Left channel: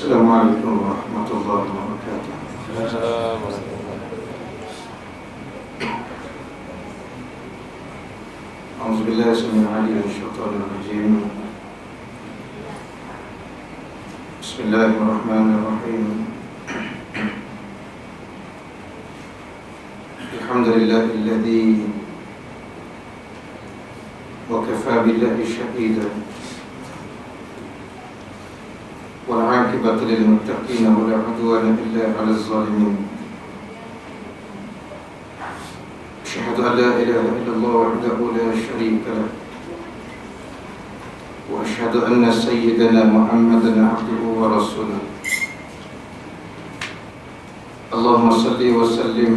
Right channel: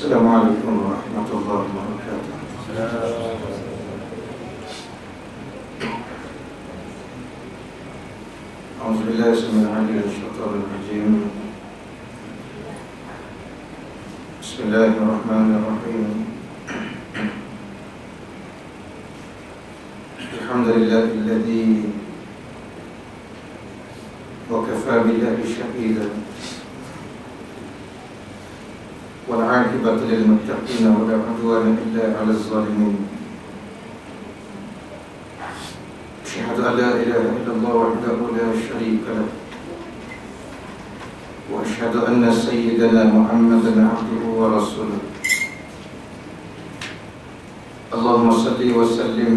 Assalamualaikum warahmatullahi wabarakatuh. A'udzubillahi samil alim minasyaitonir rajim. Bismillahirrahmanirrahim. Alhamdulillahilladzi wa kafa billahi shahida. والعاقبة للمتقين ولا عدوان إلا على الظالمين. أشهد أن لا إله إلا الله وحده لا شريك له، وأشهد أن سيدنا محمدا عبده ورسوله. اللهم صل وسلم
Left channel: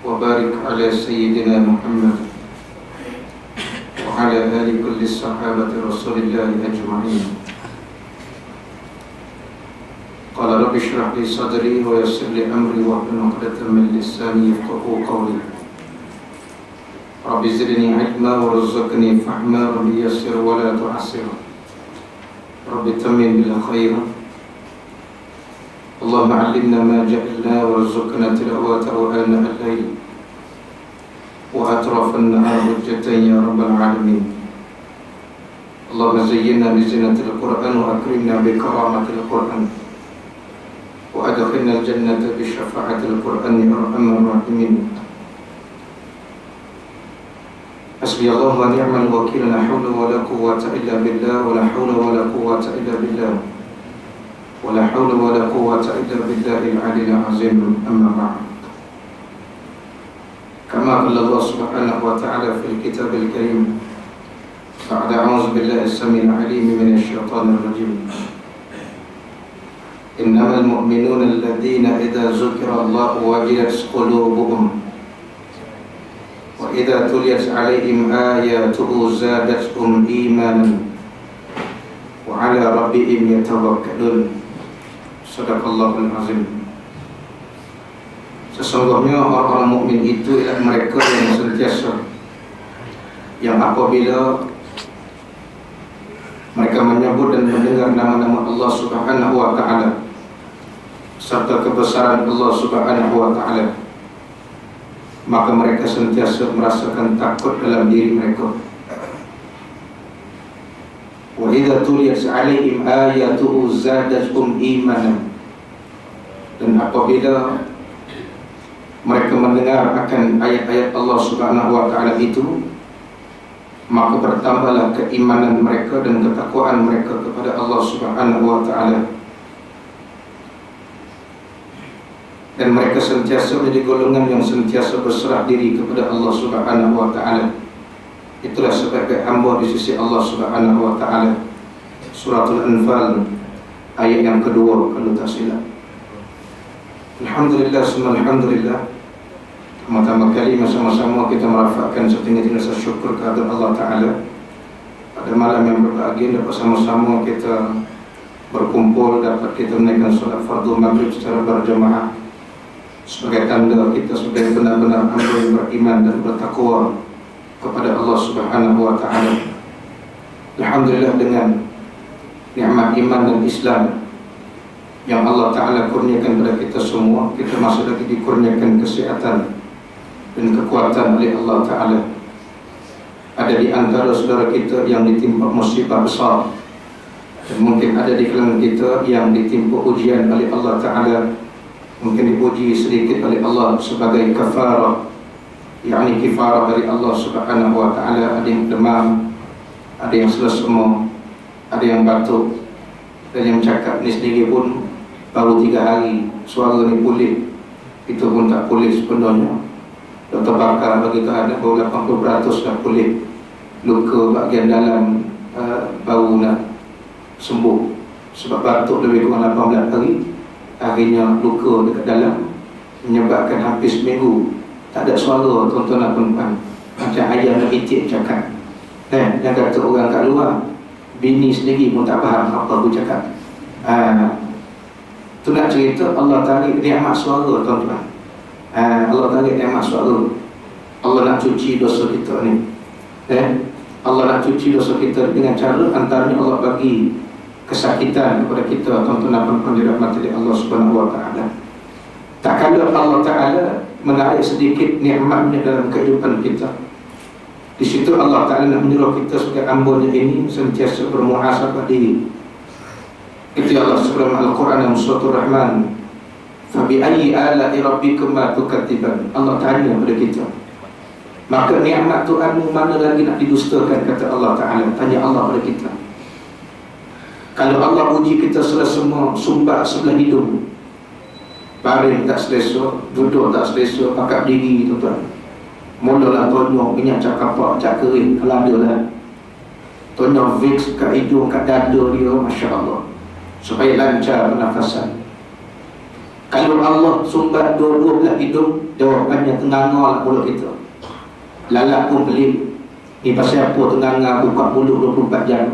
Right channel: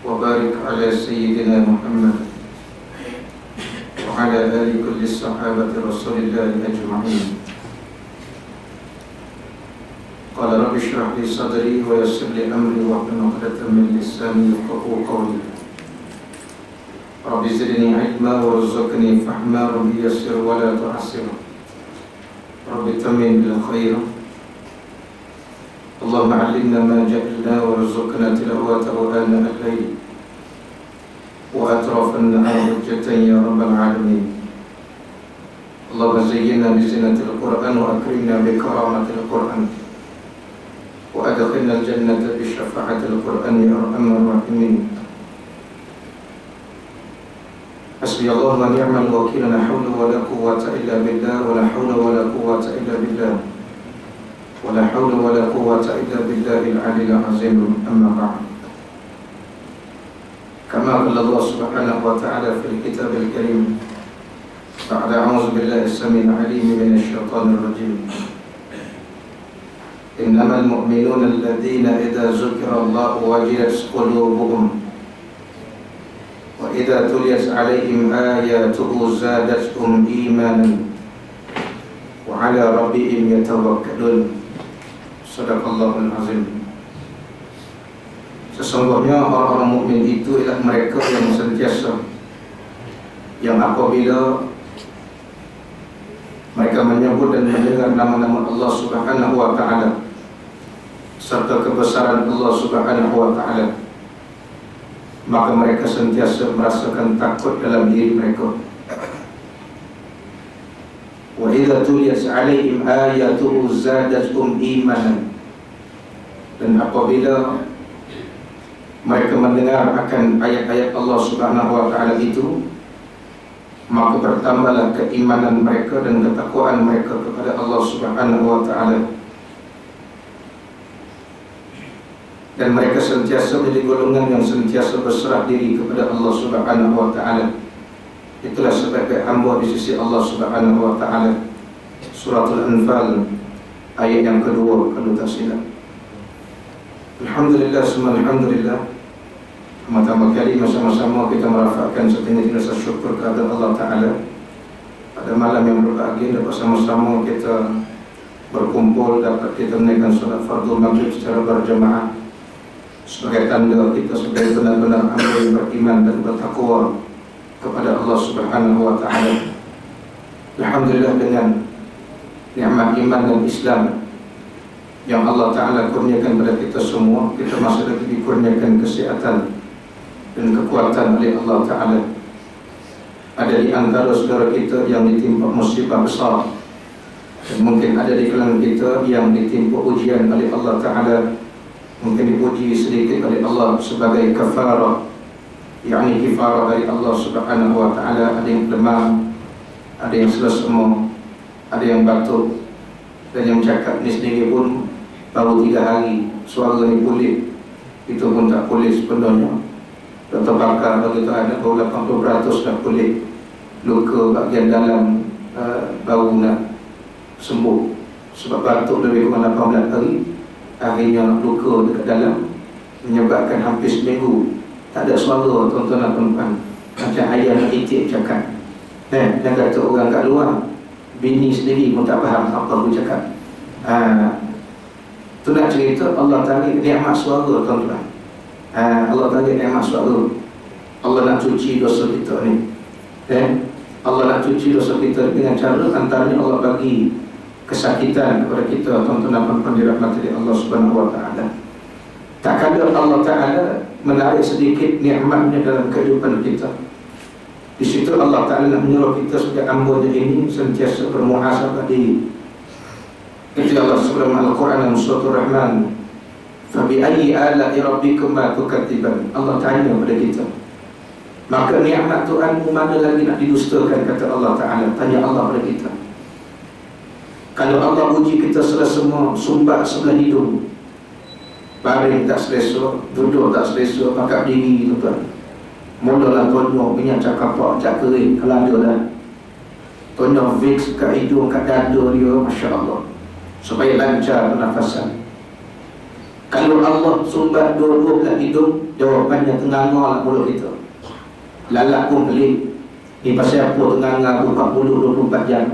وبارك على سيدنا محمد وعلى آل كل الصحابة رسول الله أجمعين. قال رب اشرح لي صدري ويسر لي أمري واحلل عقدة من لساني يفقهوا قولي. رب زدني علما وارزقني فهما، رب يسر ولا تعسر، رب تمم بالخير. اللهم علمنا ما جهلنا وارزقنا تلاوته آناء الليل وأطراف النهار حجة يا رب العالمين. اللهم زينا بزينة القرآن وأكرمنا بكرامة القرآن وأدخلنا الجنة بشفاعة القرآن يا أرحم الراحمين. حسبي الله ونعم الوكيل، لا حول ولا قوة إلا بالله، ولا حول ولا قوة إلا بالله، ولا حول ولا قوة إلا بالله العلي العظيم. أما بعد، كما قال الله سبحانه وتعالى في الكتاب الكريم بعد أعوذ بالله السميع العليم من الشيطان الرجيم: إنما المؤمنون الذين إذا ذكر الله وجلت قلوبهم وإذا تليت عليهم آياته زادتهم إيمانا وعلى ربهم يتوكلون. Sadaqallahul azim. Sesungguhnya orang-orang mukmin itu ialah mereka yang sentiasa, yang apabila mereka menyebut dan mendengar nama-nama Allah Subhanahu wa Ta'ala serta kebesaran Allah Subhanahu wa Ta'ala, maka mereka sentiasa merasakan takut dalam diri mereka. Wa idza tuliyat 'alaihim ayatuhu zadatuhum imanan. Dan apabila mereka mendengar akan ayat-ayat Allah Subhanahu wa Ta'ala itu, maka bertambahlah keimanan mereka dan ketakwaan mereka kepada Allah Subhanahu wa Ta'ala. Dan mereka sentiasa menjadi golongan yang sentiasa berserah diri kepada Allah Subhanahu wa Ta'ala. Itulah sebagai hamba di sisi Allah Subhanahu wa Ta'ala. Suratul Anfal ayat yang kedua kalau tak silap. Alhamdulillah, semua alhamdulillah. Pertama kali sama-sama kita merafakkan setinggi-tinggi rasa syukur kepada Allah Ta'ala pada malam yang berbahagia, dapat sama-sama kita berkumpul, dapat kita menaikkan solat fardu maghrib secara berjamaah sebagai tanda kita sebagai benar-benar hamba yang beriman dan bertakwa kepada Allah Subhanahu wa Ta'ala. Alhamdulillah, dengan nikmat iman dan Islam yang Allah Ta'ala kurniakan kepada kita semua, kita masih lagi dikurniakan kesehatan dan kekuatan oleh Allah Ta'ala. Ada di antara saudara kita yang ditimpa musibah besar, dan mungkin ada di kalangan kita yang ditimpa ujian oleh Allah Ta'ala, mungkin dipuji sedikit oleh Allah sebagai kafarah, yakni kifarah dari Allah Subhanahu wa Ta'ala. Ada yang demam, ada yang selesema, ada yang batuk, dan yang cakap ni sendiri pun baru 3 hari suara ni pulih, itu pun tak pulih sepenuhnya. Doktor Bakar bagi ada baru 80% dah pulih, luka bahagian dalam baru nak sembuh. Sebab batuk lebih kurang 18 hari, akhirnya luka dekat dalam menyebabkan hampir seminggu tak ada suara, tuan-tuan dan puan-puan. Macam ayam nak itik cakap. Dia kata orang kat luar, bini sendiri pun tak faham apa aku cakap. Tu nak cerita Allah tarik nikmat suara, tuan-tuan. Allah tarik nikmat suara. Allah nak cuci dosa kita ni. Allah nak cuci dosa kita dengan cara antaranya Allah bagi kesakitan kepada kita, tuan-tuan dan puan dirahmati Allah Subhanahu wa taala. Tak kala Allah Taala menarik sedikit nikmatnya dalam kehidupan kita, di situ Allah Taala nak menyuruh kita sebagai hamba-Nya ini sentiasa bermuhasabah diri. Itu Allah sebelum Al-Quran dalam surah Ar-Rahman, fa bi ayyi ala'i rabbikuma tukadziban. Allah tanya kepada kita, maka nikmat Tuhanmu mana lagi nak didustakan, kata Allah Taala. Tanya Allah kepada kita. Kalau Allah uji kita semua sumbat sebelah hidung, baring tak selesa, duduk tak selesa, pakat diri, tuan-tuan. Mulalah tonyok, minyak cakap cak kering, kalau ada lah. Tonyok Vicks kat hidung, kat dada dia, Masya Allah, supaya lancar pernafasan. Kalau Allah sumbat dua-dua belah hidung, jawapannya tenganga lah mulut kita. Lalat pun pelik. Ni pasal apa tenganga buka mulut 24 jam?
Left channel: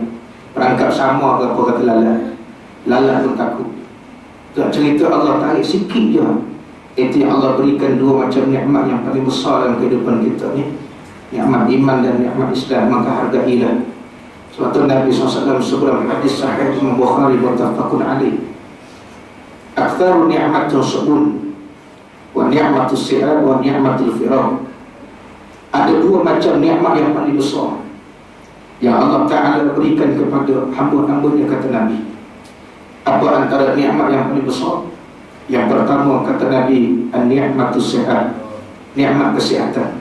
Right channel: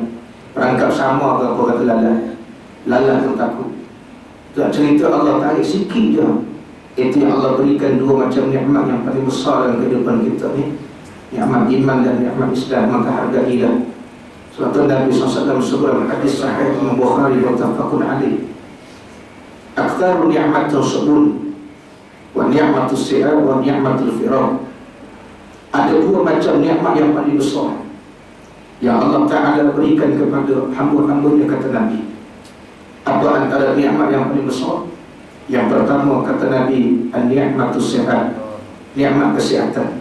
Perangkap sama ke apa, kata lalat. Lalat pun takut. Tak cerita Allah tarik sikit je. Itu yang Allah berikan dua macam nikmat yang paling besar dalam kehidupan kita ni, nikmat iman dan nikmat Islam. Maka hargailah. Sebab tu Nabi SAW sebelum hadis sahih Imam Bukhari muttafaqun alaih, aktsaru ni'matun subun wa ni'matus si'ab wa ni'matul firaq. Ada dua macam nikmat yang paling besar yang Allah Ta'ala berikan kepada hamba-hambanya, kata Nabi. Apa antara nikmat yang paling besar? Yang pertama, kata Nabi, an-ni'matus sihat, nikmat kesihatan.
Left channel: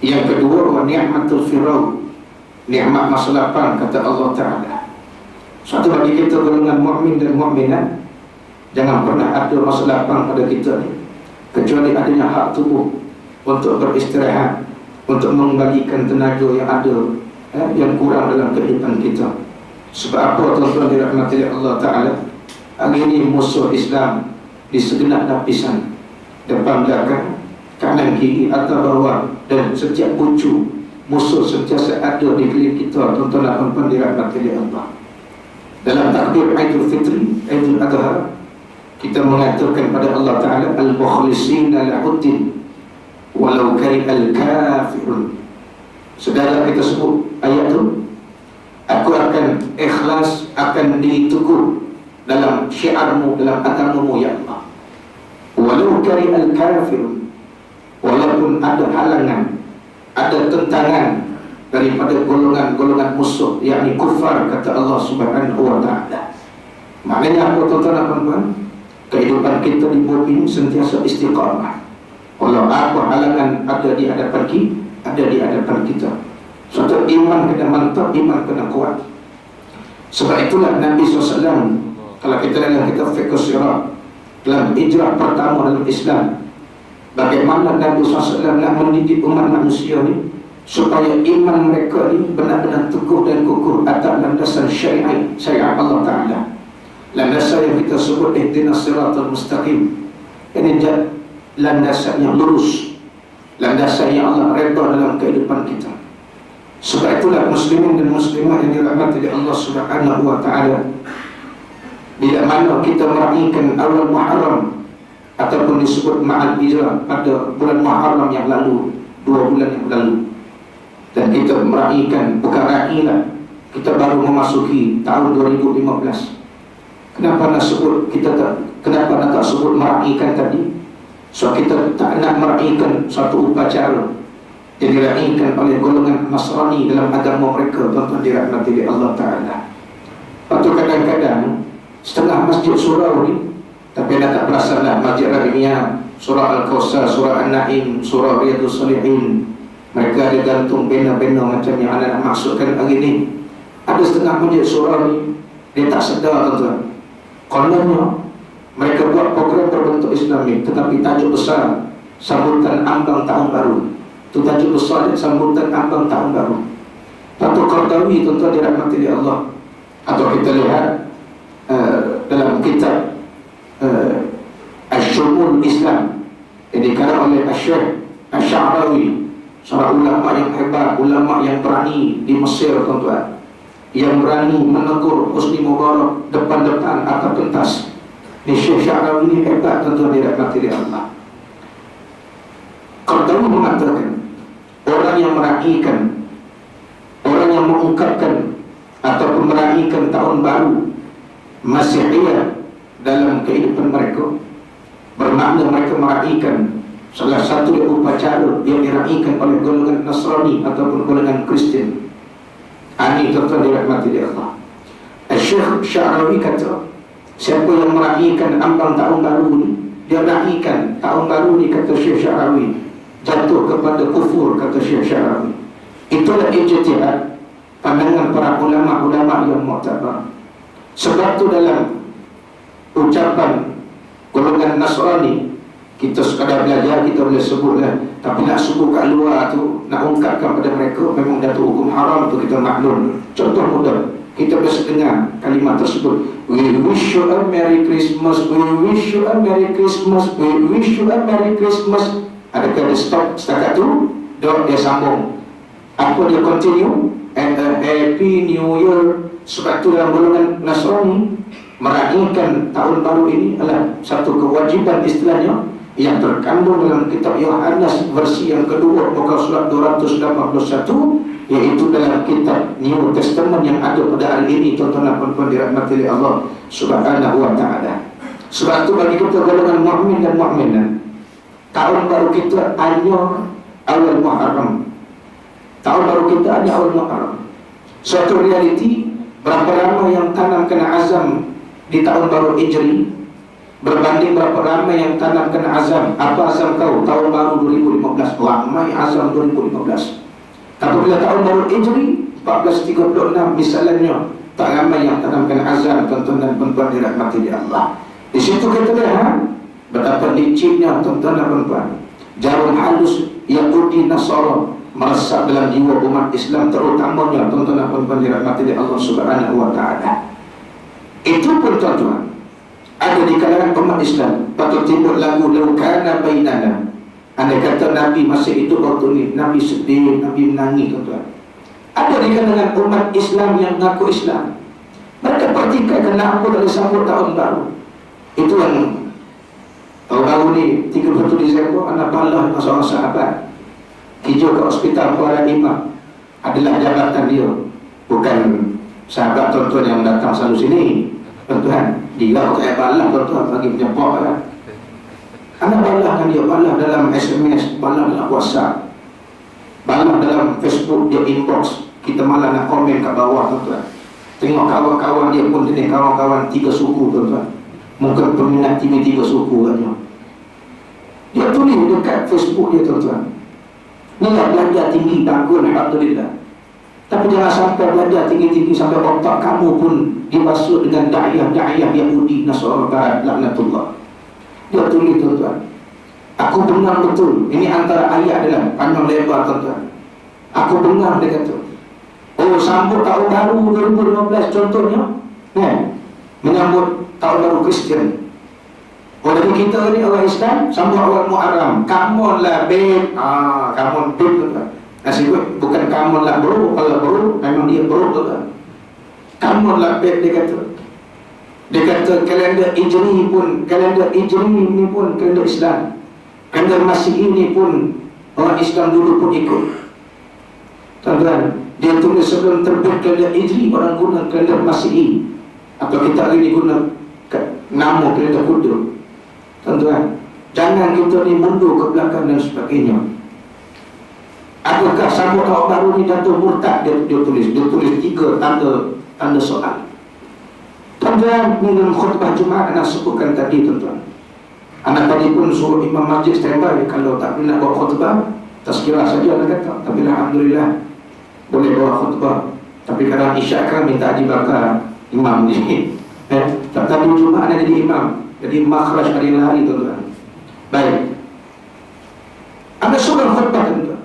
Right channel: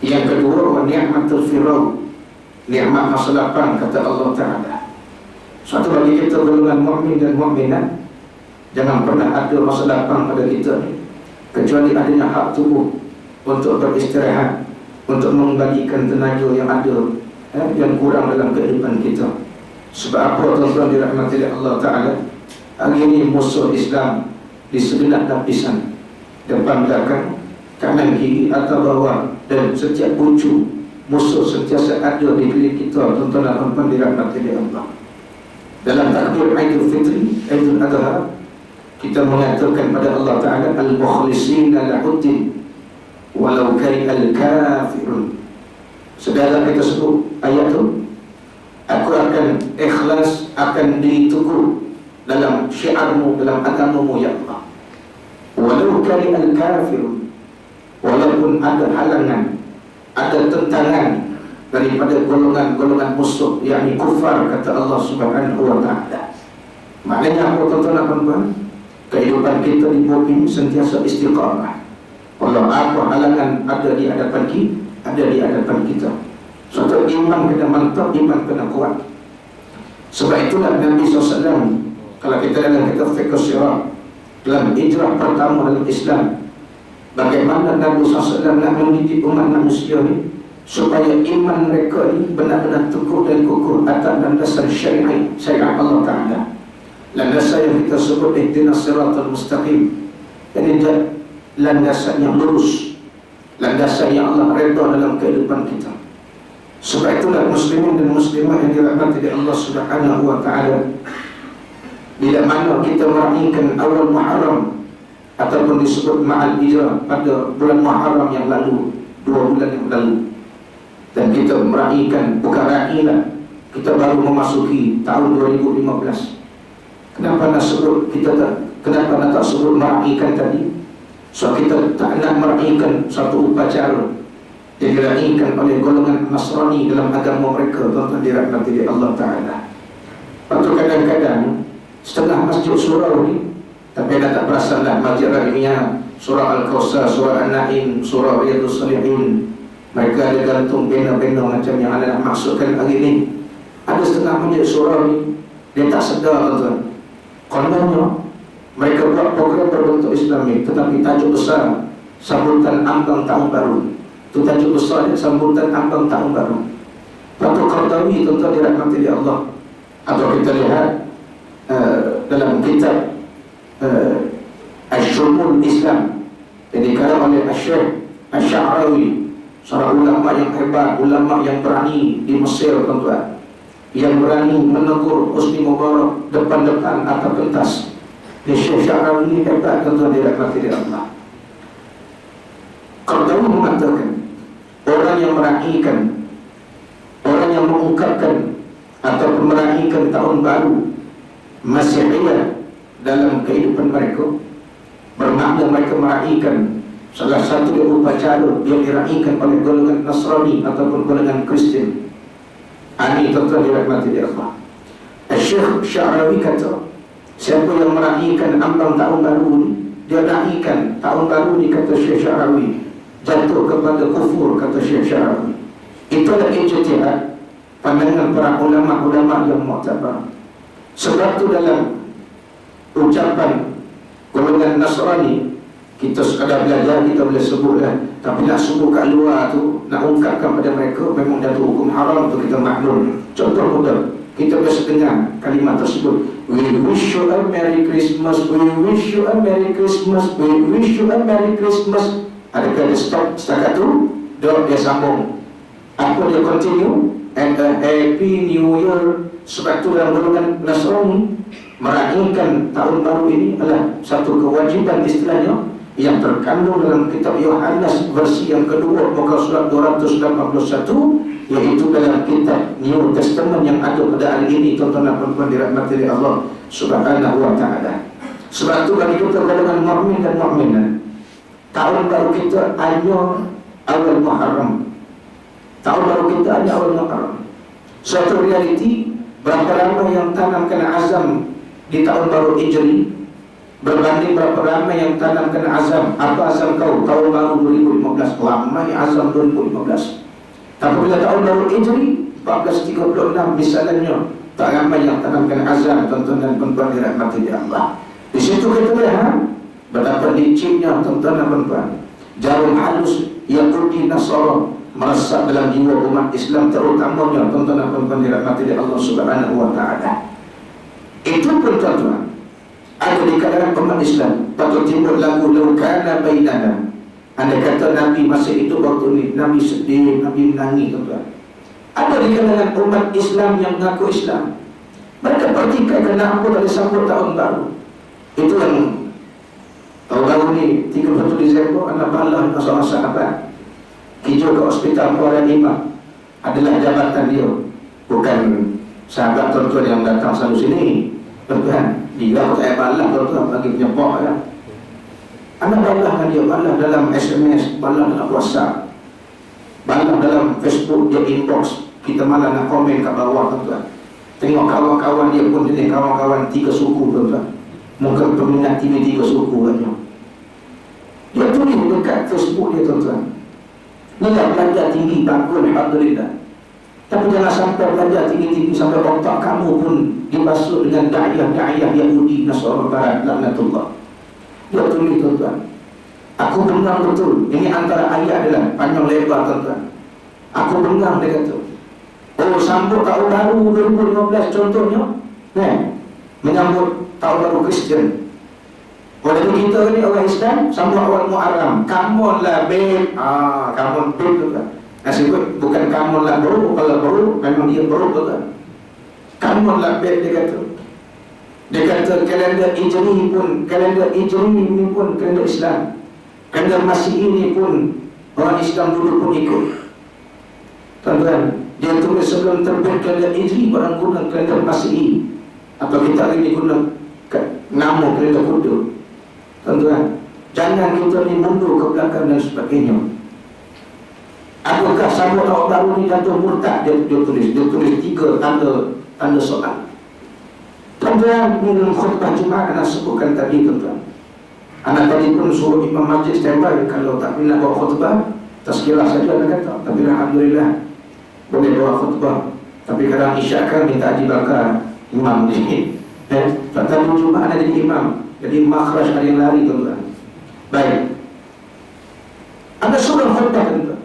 Yang kedua, wa ni'matul firaq, nikmat masa lapang, kata Allah Ta'ala. Suatu bagi kita golongan mukmin dan mukminat, jangan pernah ada masa lapang pada kita ni, kecuali adanya hak tubuh untuk beristirahat, untuk mengembalikan tenaga yang ada, yang kurang dalam kehidupan kita. Sebab apa, tuan-tuan dirahmati Allah Ta'ala? Hari ini musuh Islam di segenap lapisan, depan belakang, kanan kiri, atas bawah, dan setiap pucu musuh sentiasa ada di keliling kita, tuan-tuan dan puan dirahmati Allah. Dalam takbir Aidul Fitri, Aidul Adha, kita mengatakan pada Allah Ta'ala, al-mukhlisina lahuddin walau karihal kafirun. Saudara, kita sebut ayat tu, aku akan ikhlas, akan diteguh dalam syiarmu, dalam agamamu, ya Allah, walau karihal kafirun, walaupun ada halangan, ada tentangan daripada golongan-golongan musuh, yakni kufar, kata Allah Subhanahu wa Ta'ala. Maknanya apa, tuan-tuan dan puan-puan? Kehidupan kita di bumi ini sentiasa istiqamah. Kalau apa halangan ada di hadapan kita, suatu iman kena mantap, iman kena kuat. Sebab itulah Nabi SAW, kalau kita dalam kitab fiqh sirah, dalam hijrah pertama dalam Islam, bagaimana Nabi SAW nak mendidik umat manusia ni supaya iman mereka ni benar-benar teguh dan kukuh atas landasan syariat Allah Ta'ala, landasan yang kita sebut ihdinas siratal mustaqim, ini landasan yang lurus, landasan yang Allah redha dalam kehidupan kita. Sebab itulah muslimin dan muslimah yang dirahmati Allah Subhanahu wa Ta'ala, bila mana kita meraihkan awal Muharram ataupun disebut ma'al hijrah pada bulan Muharram yang lalu, 2 bulan yang lalu, dan kita meraihkan, bukan railah, kita baru memasuki tahun 2015. Kenapa nak sebut kenapa nak tak sebut meraihkan tadi? So kita tak nak meraihkan satu upacara yang diraihkan oleh golongan Nasrani dalam agama mereka, tuan-tuan dirahmati Allah Ta'ala. Lepas tu kadang-kadang setengah masjid surau ni, tapi anda tak perasan lah, Masjid Rahimiyah, surah Al-Kawthar, surah An-Naim, surah Riyadhus Shalihin, mereka ada gantung bena-bena macam yang anda nak maksudkan hari ni. Ada setengah masjid surau ni, dia tak sedar, tuan-tuan. Kononnya mereka buat program berbentuk Islami, tetapi tajuk besar sambutan ambang tahun baru. Itu tajuk besar dia, sambutan ambang tahun baru. Patut Qardawi, tuan-tuan dirahmati Allah, atau kita lihat dalam kitab Asy-Syumul Islam yang dikarang oleh Syekh Asy-Sya'rawi, seorang ulama yang hebat, ulama yang berani di Mesir, tuan-tuan, yang berani menegur Husni Mubarak depan-depan atau pentas. Ni Syekh Sya'rawi ini hebat, tuan-tuan dirahmati Allah. Qardawi mengatakan, orang yang meraihkan, orang yang mengungkapkan ataupun meraihkan tahun baru Masihiyah dalam kehidupan mereka, bermakna mereka meraihkan salah satu upacara yang diraihkan oleh golongan Nasrani ataupun golongan Kristian. Ini tuan-tuan dirahmati Allah. Syekh Sya'rawi kata, siapa yang meraihkan ambang tahun baru ni, dia meraihkan tahun baru ni, kata Syekh Sya'rawi, jatuh kepada kufur, kata Syekh Sya'rawi. Itulah ijtihad pandangan para ulama-ulama yang muktabar. Sebab tu dalam ucapan golongan Nasrani, kita sekadar belajar, kita boleh sebutlah. Tapi nak sebut kat luar tu, nak ungkapkan pada mereka, memang dah tu hukum haram tu, kita maklum. Contoh mudah, kita biasa dengar kalimat tersebut, we wish you a Merry Christmas, we wish you a Merry Christmas, we wish you a Merry Christmas. Adakah dia stop setakat tu? Dia sambung. Apa dia continue? And a Happy New Year. Sebab tu dalam golongan Nasrani, meraihkan tahun baru ini adalah satu kewajiban istilahnya yang terkandung dalam kitab Yohanes versi yang kedua muka surat 281, iaitu dalam kitab New Testament yang ada pada hari ini, tuan-tuan dan puan-puan dirahmati oleh Allah Subhanahu wa taala. Sebab tu bagi kita golongan mukmin dan mukminat, tahun baru kita hanya awal Muharram. Tahun baru kita hanya awal Muharram. Suatu realiti, berapa ramai yang tanamkan azam di tahun baru Hijri berbanding berapa ramai yang tanamkan azam. Apa azam kau? Tahun baru 2015. Ramai azam 2015. Tapi bila tahun baru Hijri 1436 misalnya, tak ramai yang tanamkan azam, tuan-tuan dan puan-puan dirahmati Allah. Di situ kita lihat betapa liciknya, tuan-tuan dan puan-puan, jarum halus Yahudi Nasara meresap dalam jiwa umat Islam, terutamanya tuan-tuan dan puan-puan dirahmati Allah Subhanahu wa taala. Itu pun tuan-tuan, ada di kalangan umat Islam patut timbul lagu laukana bainana. Andai kata Nabi masih hidup waktu ni, Nabi sedih, Nabi menangis, tuan-tuan. Ada di kalangan umat Islam yang mengaku Islam, mereka pertikai kenapa tak disambut tahun baru. Itu yang tahun baru ni 31 Disember, anak balah seorang sahabat hijau ke hospital Kuala Imam, adalah jabatan dia, bukan sahabat tuan-tuan yang datang selalu sini, tuan-tuan. Dia tak balah, tuan-tuan, bagi penyebab kan. Anak balah kan dia, balah dalam SMS, balah dalam WhatsApp, balah dalam Facebook, dia inbox, kita malah nak komen kat bawah, tuan-tuan. Tengok kawan-kawan dia pun jenis kawan-kawan 3 suku, tuan-tuan. Mungkin peminat TV 3 suku katnya. Dia tulis dekat Facebook dia, tuan-tuan. Inilah belajar tinggi, bagus, alhamdulillah. Tapi jangan sampai belajar tinggi-tinggi sampai otak kamu pun dibasuh dengan da'iyah Yahudi Nasara Barat, laknatullah. Dia tulis, tuan-tuan, aku benar betul. Ini antara ayat adalah panjang lebar, tuan-tuan. Aku benar, dia kata. Oh, sambut tahun baru 2015 contohnya, menyambut tahun baru Kristian. Oh, jadi kita ni orang Islam sambut awal Muharram. Come on lah babe. Come on babe, tuan-tuan. Nasib bukan come on lah bro. Kalau bro memang dia bro, tuan-tuan. Come on lah babe, dia kata. Dia kata kalender Hijri pun, kalender Hijri ni pun kalender Islam. Kalender Masihi ni pun orang Islam dulu pun ikut. Tuan-tuan, dia tulis sebelum terbit kalender Hijri orang guna kalender Masihi, atau kita hari ni guna nama kalender Buddha. Tuan-tuan, jangan kita ni mundur ke belakang dan sebagainya. Adakah sambut tahun baru ni jatuh murtad? Dia tulis 3 tanda soal. Tuan-tuan, dalam khutbah Jumaat anak sebutkan tadi, tuan-tuan, anak tadi pun suruh imam masjid standby. Kalau tak nak bawa khutbah, tazkirah saja nak kata. Tapi alhamdulillah boleh bawa khutbah. Tapi kadang isyak kan minta haji bakar imam ni. Tadi Jumaat nak jadi imam, jadi makhraj ada yang lari, tuan-tuan. Baik, ada seorang khutbah, tuan-tuan,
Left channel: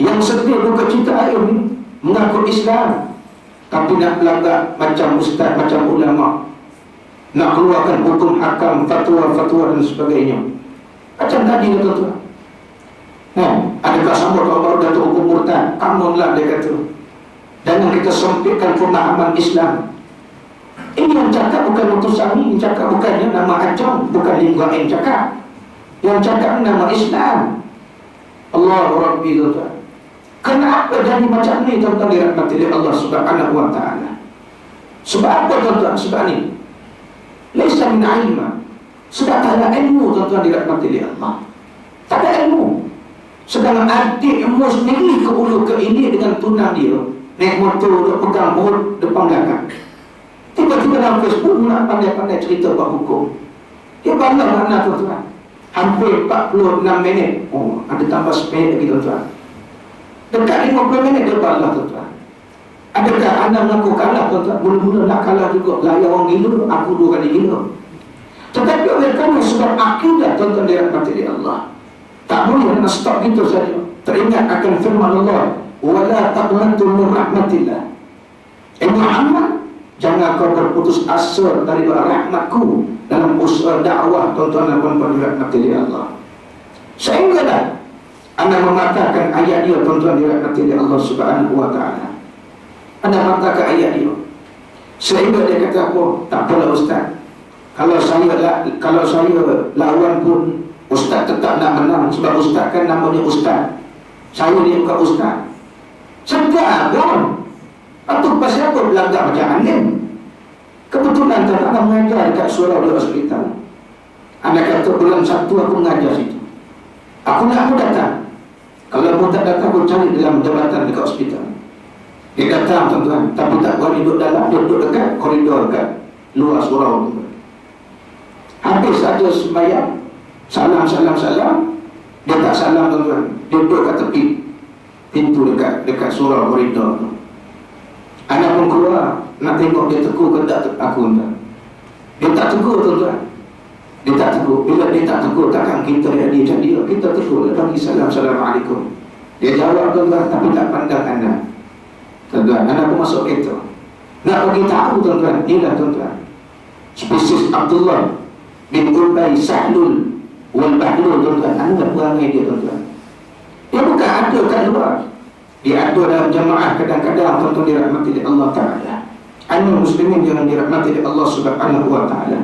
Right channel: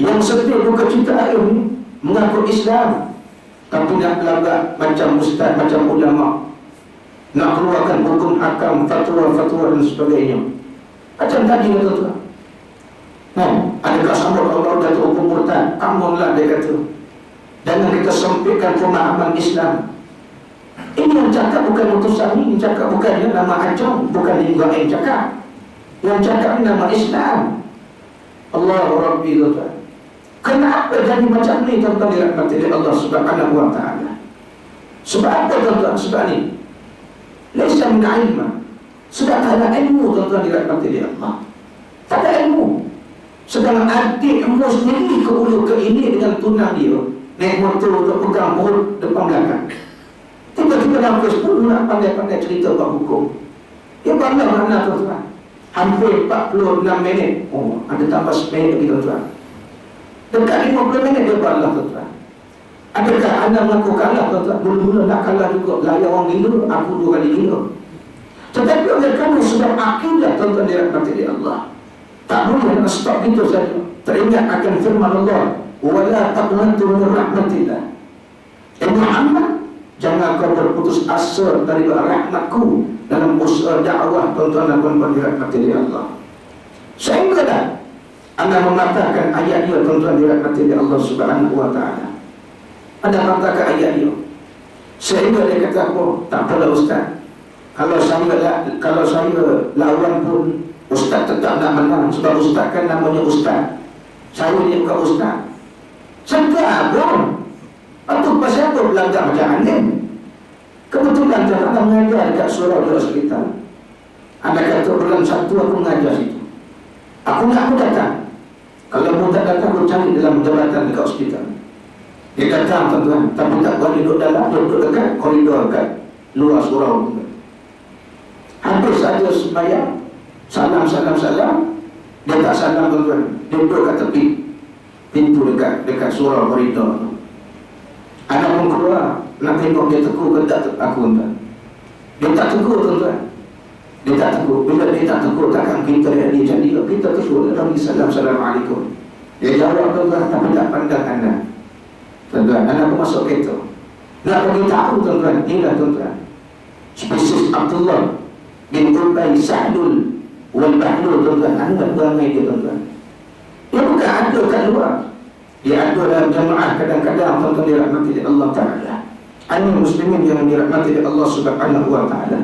yang sedih buka cita air ni, mengaku Islam, tapi nak belagak macam ustaz, macam ulama, nak keluarkan hukum hakam, fatwa-fatwa dan sebagainya. Macam tadi, tuan-tuan. Adakah sambut tahun baru datuk hukum murtad? Amun lah, dia kata. Jangan kita sempitkan pemahaman Islam. Ini yang cakap bukan Mutusami, yang cakap bukannya nama Acong, bukan lingua yang cakap. Yang cakap nama Islam. Allah Rabbi, tuan-tuan. Kenapa jadi macam ni tuan-tuan dirahmati oleh Allah Subhanahu wa ta'ala? Sebab apa tuan-tuan? Sebab ni laisa min ilma. Sebab tak ada ilmu tuan-tuan dirahmati oleh Allah. Tak ada ilmu. Sedang adik ilmu sendiri ke ulu ke ini dengan tunang dia, naik motor, duk pegang board depan belakang. Tiba-tiba dalam Facebook nak pandai-pandai cerita bab hukum. Dia bangga makna tuan-tuan. Hampir 46 minit. Oh, ada tambah 10 minit lagi tuan-tuan. Dekat 50 minit dia bangga tuan-tuan. Adakah anda mengaku kalah tuan-tuan? Mula-mula nak kalah juga. Layak orang gila, aku 2 kali gila. Tetapi oleh kerana sebab akidah tuan-tuan dirahmati oleh Allah, tak boleh nak stop gitu saja. Teringat akan firman Allah, wala taqnatu min rahmatillah. Muhammad, jangan kau berputus asa daripada rahmatku dalam usaha dakwah tuan-tuan dan puan-puan dirahmati oleh Allah. Sehingga dah anda mematahkan ayat dia tuan-tuan dirahmati oleh Allah Subhanahu wa ta'ala. Anda matahkan ayat dia. Sehingga dia kata apa? Tak apalah ustaz. Kalau saya lawan pun ustaz tetap nak menang. Sebab ustaz kan namanya ustaz. Saya ni bukan ustaz. Sedar pun. Atau pasal apa belagak macam alim? Kebetulan tak nak mengajar dekat surau di hospital. Anda kata bulan 1 aku mengajar situ. Aku datang. Kalau mau tak datang, aku cari dalam jabatan dekat hospital. Dia datang tuan-tuan, tapi tak boleh duduk dalam, dia duduk dekat koridor dekat luar surau. Habis saja sembahyang, salam, dia tak salam tuan-tuan. Dia duduk kat tepi pintu dekat surau koridor tu. Anak pun keluar nak tengok dia tegur ke tak aku tuan. Dia tak tegur tuan-tuan. Dia tak tegur. Bila dia tak tegur, takkan kita lihat dia macam dia. Kita tegur, dia bagi salam, assalamualaikum. Dia jawab tuan-tuan, tapi tak pandang anda. Tuan-tuan, anda pun masuk kereta. Nak bagi tahu tuan-tuan, inilah tuan-tuan, spesies Abdullah bin Ubay Sahlul wal Bahlul tuan-tuan. Anda perangai dia tuan-tuan. Dia bukan ada kat luar. Dia ada dalam jamaah kadang-kadang tuan-tuan dirahmati oleh Allah Ta'ala. Anda muslimin yang dirahmati oleh Allah Subhanahu wa ta'ala.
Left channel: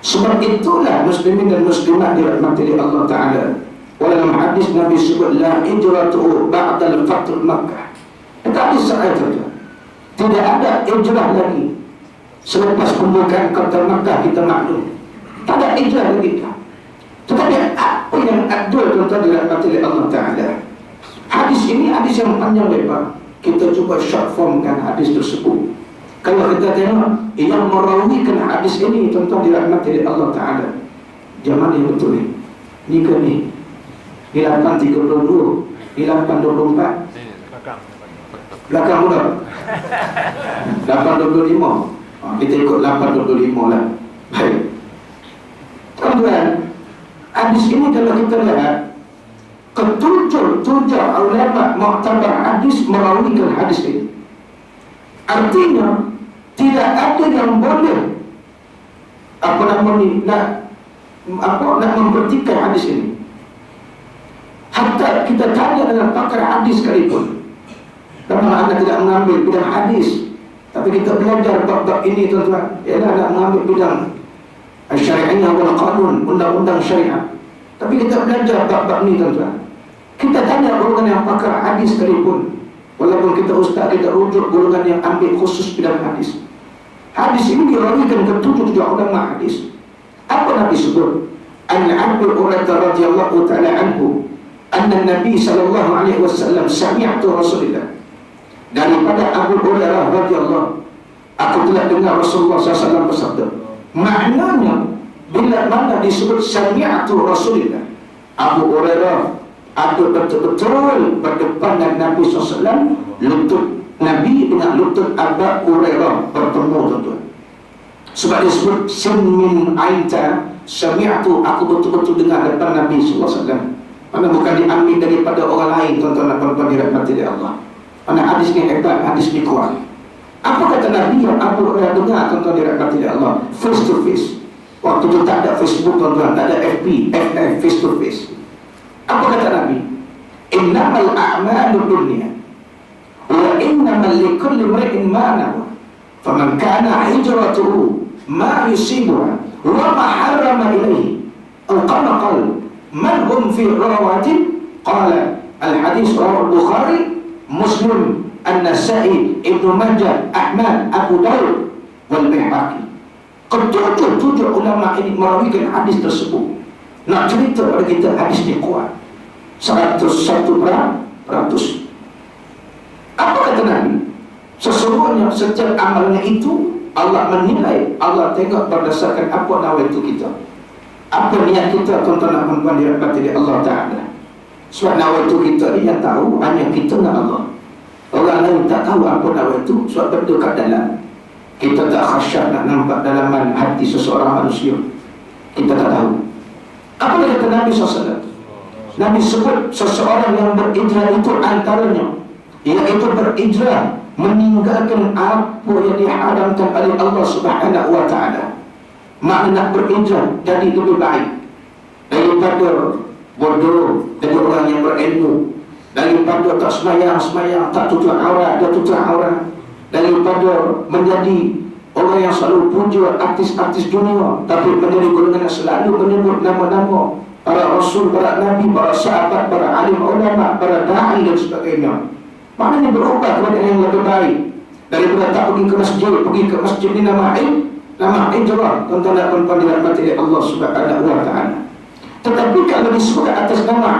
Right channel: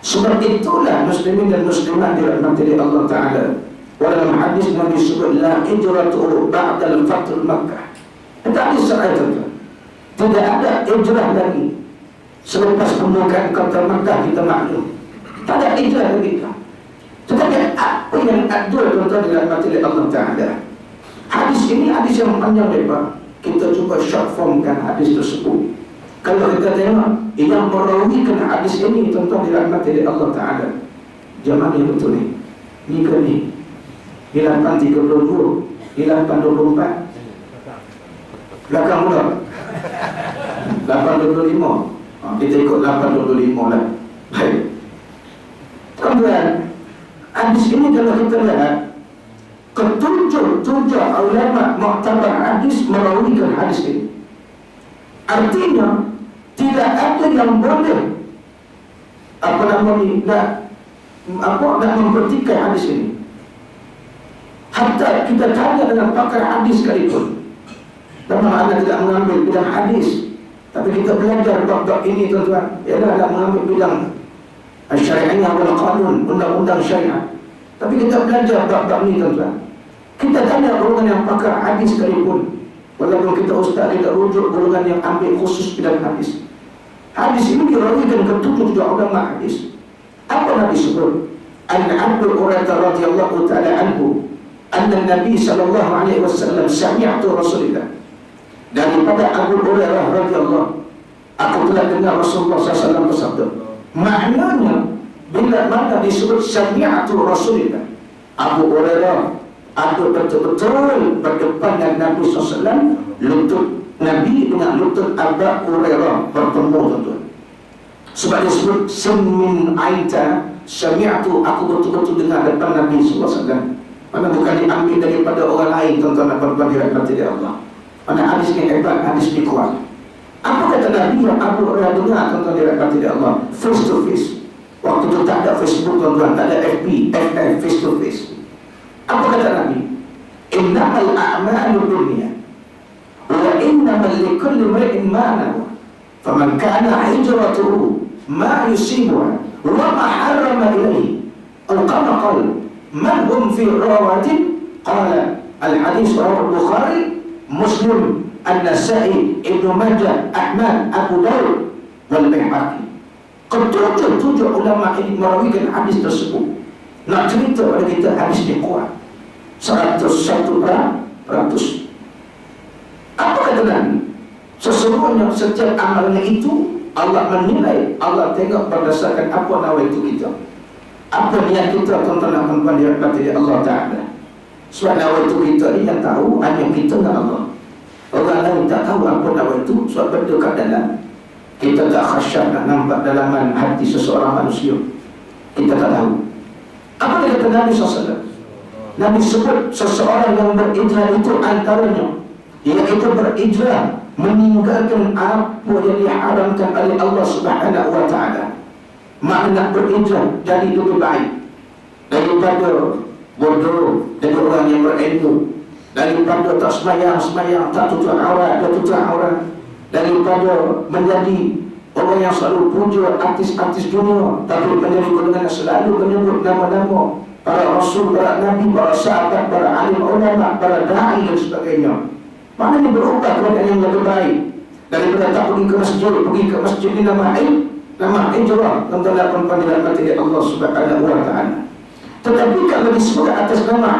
Sebab itulah muslimin dan muslimat dirahmati oleh Allah Ta'ala. Dalam hadis Nabi sebut la hijratu ba'dal fath Makkah. Itu hadis sahih tuan-tuan. Tidak ada hijrah lagi selepas pembukaan kota Makkah, kita maklum. Tak ada hijrah lagi. Tetapi apa yang ada tuan-tuan dirahmati oleh Allah Ta'ala? Hadis ini hadis yang panjang lebar. Kita cuba short formkan hadis tersebut. Kalau kita tengok yang merawikan hadis ini tuan-tuan dirahmati oleh Allah Ta'ala, zaman yang betul ni. Ni ke ni? Ni 8.32, ni 8.24. Belakang muda 8.25. Kita ikut 8.25 lah. Baik tuan-tuan, hadis ini kalau kita lihat, ketujuh ulama muktabar hadis merawikan hadis ini. Artinya tidak ada yang boleh nak memperhatikan hadis ini. Hatta kita tanya dengan pakar hadis sekalipun, karena anda tidak mengambil bidang hadis, tapi kita belajar bab-bab ini tuan-tuan, ialah nak mengambil bidang syariah wal qanun, undang-undang syariah. Tapi kita belajar bab-bab ini tuan-tuan. Kita tanya golongan yang pakar hadis sekalipun, walaupun kita ustaz, kita rujuk golongan yang ambil khusus bidang hadis. Hadis ini dirawikan ke 7 ulama hadis. Apa Nabi sebut? An-Abu Hurairah radhiyallahu ta'ala anhu, anna Nabi sallallahu alaihi wasallam sami'tu Rasulullah. Daripada Abu Hurairah radhiyallahu, aku telah dengar Rasulullah SAW bersabda. Maknanya bila mana disebut sami'tu Rasulullah, Abu Hurairah ada betul-betul berdepan dengan Nabi SAW, lutut Nabi dengan lutut Abu Hurairah bertemu tuan-tuan. Sebab disebut min aita sami'tu, aku betul-betul dengar depan Nabi SAW. Mana bukan diambil daripada orang lain tuan-tuan dan puan-puan dirahmati oleh Allah. Mana hadis ni hebat, hadis ni kuat. Apa kata Nabi yang Abu Hurairah dengar tuan-tuan dirahmati oleh Allah? Face to face. Waktu itu tak ada Facebook tuan-tuan, tak ada FB, FF, face to face. Apa kata Nabi? Innamal a'malu binniyat wa innamal likulli imri'in ma nawa. Faman kana hijratuhu ma yusibuha wa ma harrama ilayhi. Atau kama qala man hum fi rawatin, qala al-hadis rawahu Bukhari Muslim, An-Nasa'i, Ibnu Majah, Ahmad, Abu Daud wal Baihaqi. Ketujuh ulama ini merawikan hadis tersebut. Nak cerita pada kita hadis ni kuat 101%. Apa kata Nabi? Sesungguhnya setiap amalnya itu Allah menilai, Allah tengok berdasarkan apa nawaitu kita, apa niat kita, tuan-tuan dan puan-puan dirahmati Allah Ta'ala. Sebab nawaitu kita ni yang tahu hanya kita dan Allah. Orang lain tak tahu apa nawaitu, sebab benda kat dalam. Kita tak khasyat nak nampak dalaman hati seseorang manusia. Kita tak tahu. Apa yang kata Nabi SAW? Nabi sebut seseorang yang berijrah itu antaranya, iaitu berijrah meninggalkan apa yang diharamkan oleh Allah Subhanahu wa Ta'ala. Makna berijrah jadi lebih baik daripada bodoh dengan orang yang berilmu, daripada tak semayang, tak tutup aurat, dia tutup aurat, daripada menjadi orang yang selalu puja artis-artis dunia, tapi menjadi golongan yang selalu menyebut nama-nama para rasul, para nabi, para sahabat, para alim ulama, para da'i dan sebagainya. Maknanya berubah kepada yang lebih baik daripada tak pergi ke masjid ni nama hijrah, tuan-tuan dan puan-puan dirahmati Allah Subhanahu wa Ta'ala. Tetapi kalau disebutkan atas nama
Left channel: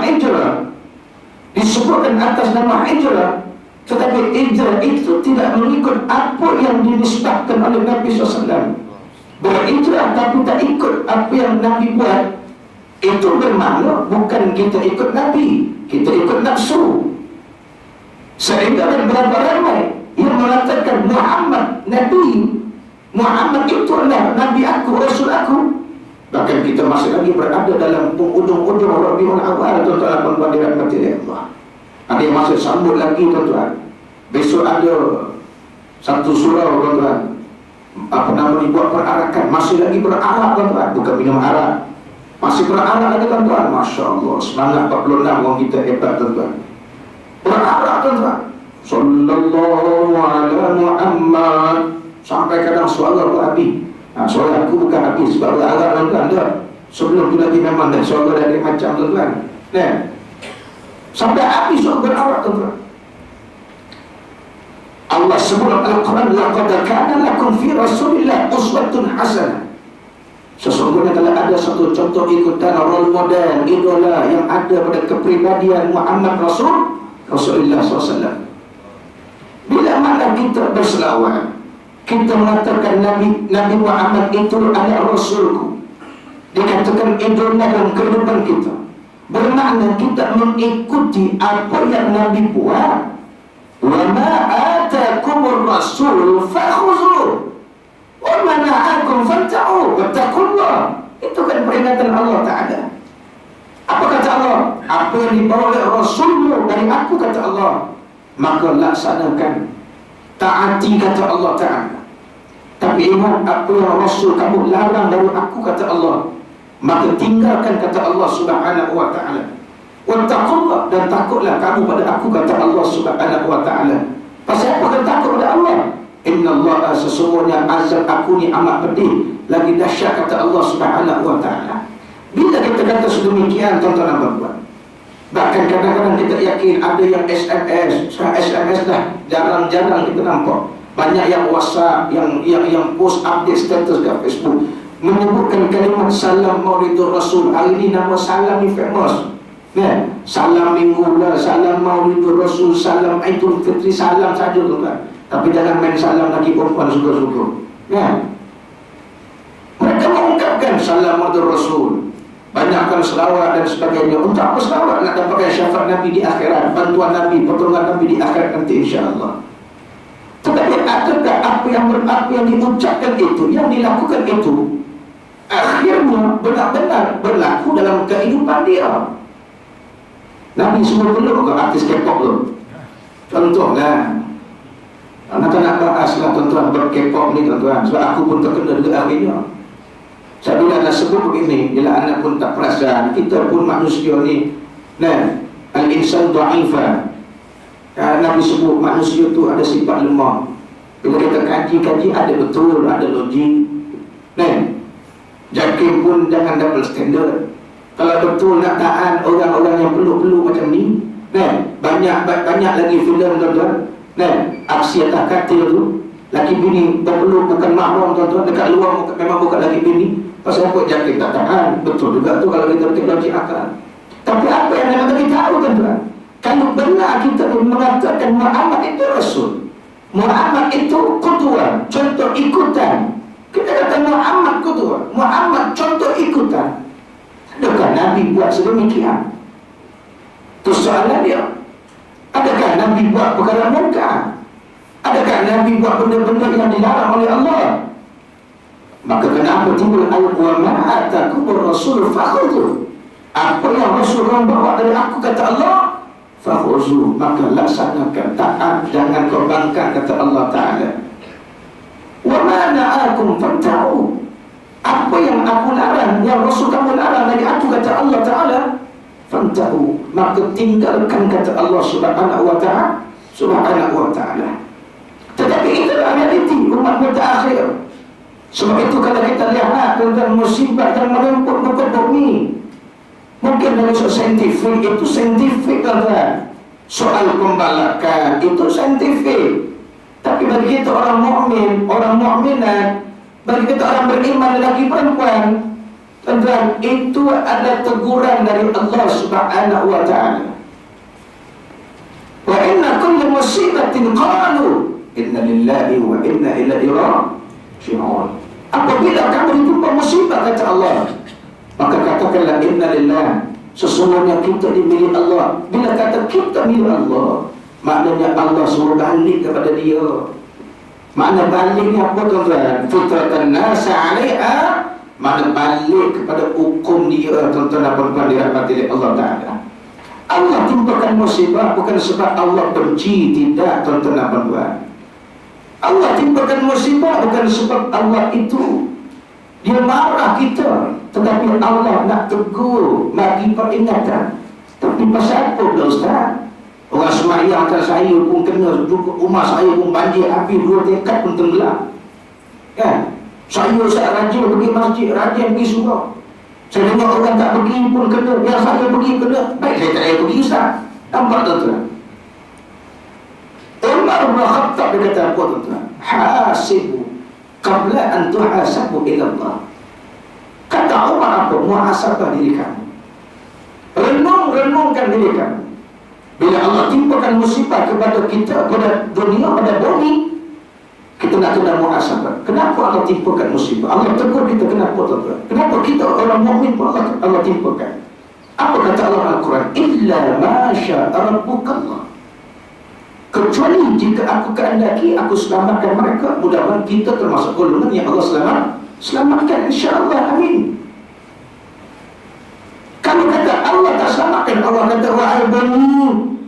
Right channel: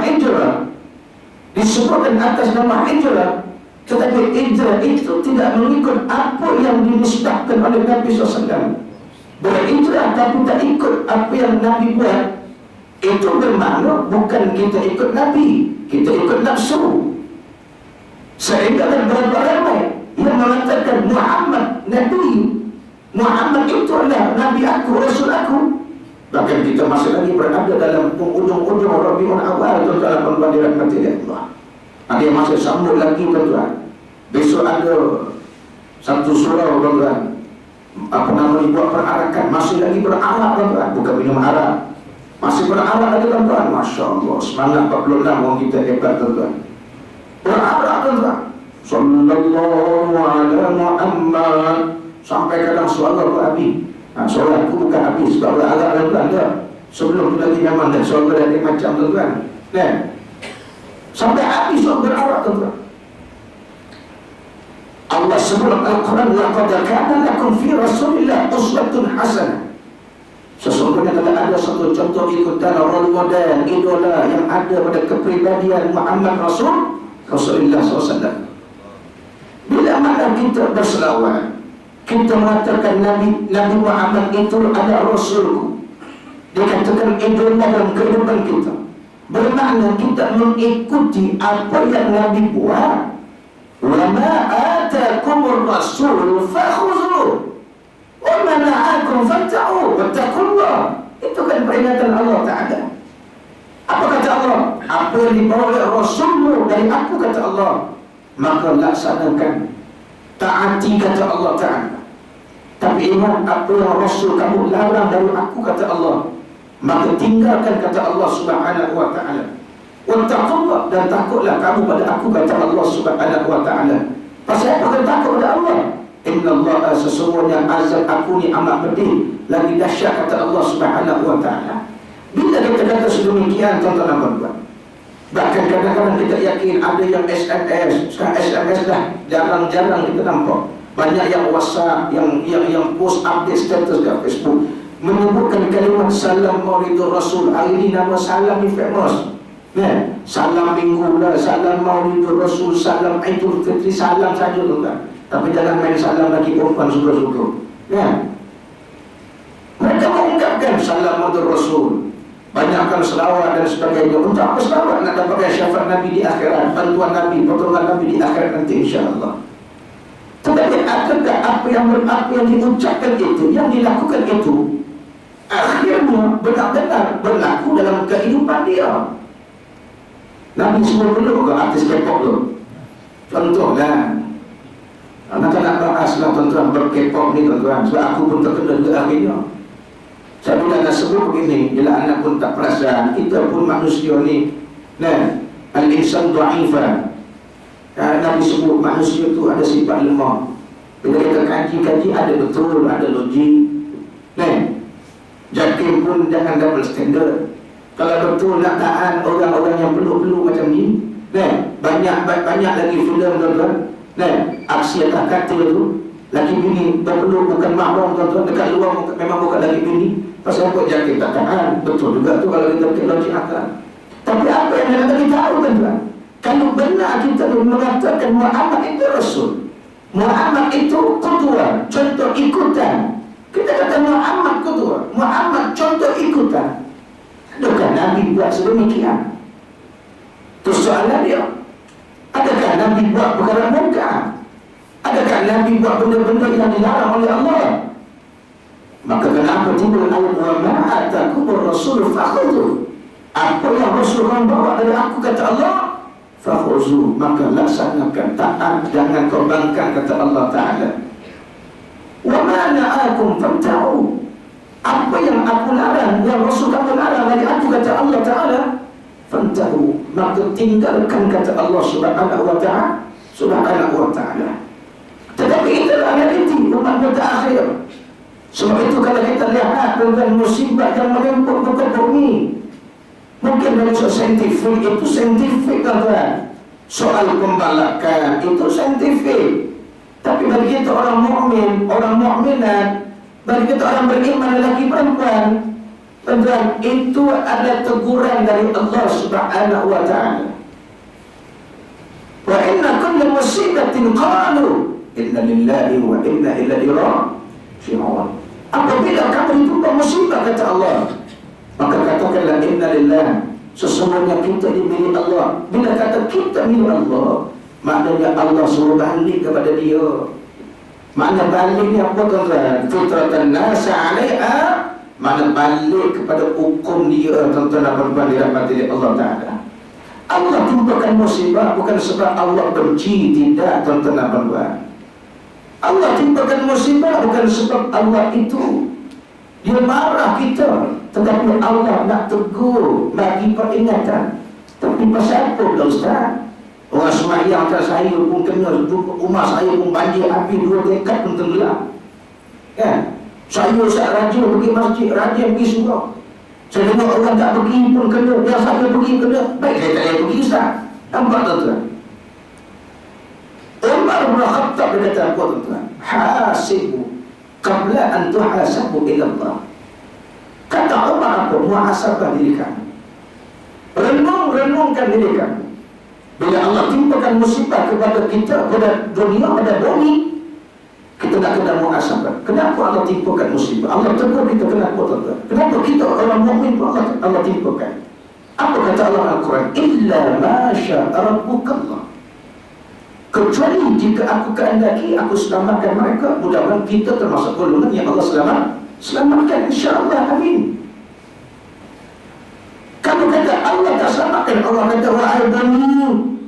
hijrah, tetapi hijrah itu tidak mengikut apa yang dinisbahkan oleh Nabi SAW. Berhijrah tapi tak ikut apa yang Nabi buat, itu bermakna bukan kita ikut Nabi, kita ikut nafsu. Sehingga ada berapa ramai yang mengatakan Muhammad itu adalah Nabi aku, Rasul aku. Bahkan kita masih lagi berada dalam ujung-ujung Rabiul Awal, tuan-tuan dan puan-puan dirahmati Allah. Ada yang masih sambut lagi, tuan-tuan. Besok ada satu surau, tuan-tuan, apa nama ni, buat perarakan. Masih lagi berarak, tuan-tuan. Bukan minum arak, masih berarak lagi, tuan-tuan. Masya Allah, semangat 46 orang kita hebat, tuan-tuan. Berarak, tuan-tuan. Sallallahu ala Muhammad. Sampai kadang suara berapi. Suara aku bukan habis sebab berarak, tuan-tuan. Sebelum tu lagi memang dah suara dari macam, tuan-tuan. Sampai habis suara berarak, tuan-tuan. Allah sebut Al-Quran, laqad kana lakum fi Rasulillah uswatun hasanah. Sesungguhnya telah ada satu contoh ikutan, role model, idola yang ada pada kepribadian Muhammad Rasulullah SAW. Bila mana kita berselawat, kita mengatakan Nabi Muhammad itu adalah Rasulku, dikatakan idola dalam kehidupan kita, bermakna kita mengikuti apa yang Nabi buat. Wa ma atakumur rasul fakhuzuh wa ma na'akum fanta'u wattaqullah. Itu kan peringatan Allah Ta'ala. Apa kata Allah? Apa yang dibawa oleh Rasulmu dari aku, kata Allah, maka laksanakan, taati, kata Allah Ta'ala. Tapi ingat, apa yang Rasul kamu larang dari aku, kata Allah, maka tinggalkan, kata Allah Subhanahu wa Ta'ala. Wattaqullah, dan takutlah kamu pada aku, kata Allah Subhanahu wa Ta'ala. Pasal apa kata takut pada Allah? Innallaha, sesungguhnya azab aku ni amat pedih, lagi dahsyat, kata Allah Subhanahu wa Ta'ala. Bila kita kata sedemikian, tuan-tuan dan puan-puan, bahkan kadang-kadang kita yakin ada yang SMS dah jarang-jarang kita nampak. Banyak yang WhatsApp, yang post update status kat Facebook menyebutkan kalimat salam Maulidur Rasul. Hari ni nama salam ni famous. Salam minggu lah, salam Maulidur Rasul, salam Aidul Fitri, salam saja, tuan-tuan. Tapi jangan main salam lagi perempuan suka-suka. Mereka mengungkapkan salam Maulidur Rasul, banyakkan selawat dan sebagainya. Untuk apa selawat? Nak dapatkan syafaat Nabi di akhirat, bantuan Nabi, pertolongan Nabi di akhirat nanti, insya-Allah. Tetapi adakah apa yang diucapkan itu, yang dilakukan itu, akhirnya benar-benar berlaku dalam kehidupan dia? Nabi semua perlu ke artis K-pop tu? Contohlah, anak nak bahas lah, tuan-tuan, ber-K-pop ni, tuan-tuan. Sebab aku pun terkena juga akhirnya. Saya bila nak sebut begini, bila anak pun tak perasan, kita pun manusia ni, al-insan du'ifah. Nabi sebut manusia tu ada sifat lemah. Bila kita kaji-kaji, ada betul, ada logik. Jakim pun jangan double standard. Kalau betul nak tahan orang-orang yang perlu-perlu macam ni, banyak lagi filem tuan-tuan. Nah, aksi atas katil tu, laki bini berpeluk bukan mahram tuan-tuan, dekat luar memang bukan laki bini. Pasal apa jaket tak tahan? Betul juga tu kalau kita pakai logik akal. Tapi apa yang nak bagi tahu tuan-tuan? Kalau benar kita mengatakan Muhammad itu Rasul, Muhammad itu qudwah, contoh ikutan. Kita kata Muhammad qudwah, Muhammad contoh ikutan. Adakah Nabi buat sedemikian? Itu soalan dia. Adakah Nabi buat perkara munkar? Adakah Nabi buat benda-benda yang dilarang oleh Allah? Maka kenapa timbul ayat wa ma atakumur rasul fakhudhu? Apa yang Rasul bawa dari aku, kata Allah, fakhudhu, maka laksanakan, taat, jangan kau bangkang, kata Allah Ta'ala. Wa ma na'akum fanta'u, apa yang aku larang, yang Rasul kamu larang dari aku, kata Allah Ta'ala, fanta'u, maka tinggalkan, kata Allah Subhanahu wa Ta'ala. Subhanahu wa Ta'ala. Tetapi itulah realiti umat mutaakhir. Sebab itu kalau kita lihat tentang musibah yang meremput muka bumi, mungkin dari soal saintifik, itu saintifik tuan-tuan. Soal pembalakan itu saintifik. Tapi bagi kita orang mukmin, orang mukminat, bagi kita orang beriman lelaki perempuan, tuan-tuan, itu ada teguran dari Allah Subhanahu wa Ta'ala. Wa inna kulli musibatin qalu inna lillahi wa inna ilaihi raji'un. Apabila kamu ditimpa musibah, kata Allah, maka katakanlah inna lillah, sesungguhnya kita milik Allah. Bila kata kita milik Allah, maknanya Allah suruh balik kepada dia. Makna baliknya apa tuan-tuan? Fitratan nasa 'alaiha, makna balik kepada hukum dia, tuan-tuan dan puan-puan dirahmati oleh Allah Ta'ala. Allah timpakan musibah bukan sebab Allah benci, tidak tuan-tuan dan puan-puan. Allah timpakan musibah bukan sebab Allah itu dia marah kita, tetapi Allah nak tegur, bagi peringatan. Tapi pasal apa pula Ustaz? Orang semayang atas saya pun kena, rumah saya pun banjir api, 2 tingkat pun tenggelam. Kan? Saya rajin pergi masjid, rajin pergi surau. Saya tengok orang tak pergi pun kena, yang saya pergi kena. Baik, saya tak payah pergi Ustaz. Nampak tuan-tuan? Umar bin Khattab dia kata apa tuan-tuan? Hasibu qabla an tuhasabu ila Allah. Kata Umar apa? Muhasabah diri kamu. Renungkan diri kamu. Bila Allah timpakan musibah kepada kita, pada dunia, pada bumi, kita nak kena muhasabah. Kenapa Allah timpakan musibah? Allah tegur kita, kenapa tuan-tuan? Kenapa kita orang mukmin pun Allah timpakan? Apa kata Allah Al-Quran? Illa ma syaa rabbukallah. Kecuali jika aku kehendaki, aku selamatkan mereka. Mudah-mudahan kita termasuk golongan yang Allah selamatkan, insya-Allah, amin. Kalau kata Allah tak selamatkan, Allah kata wahai bumi,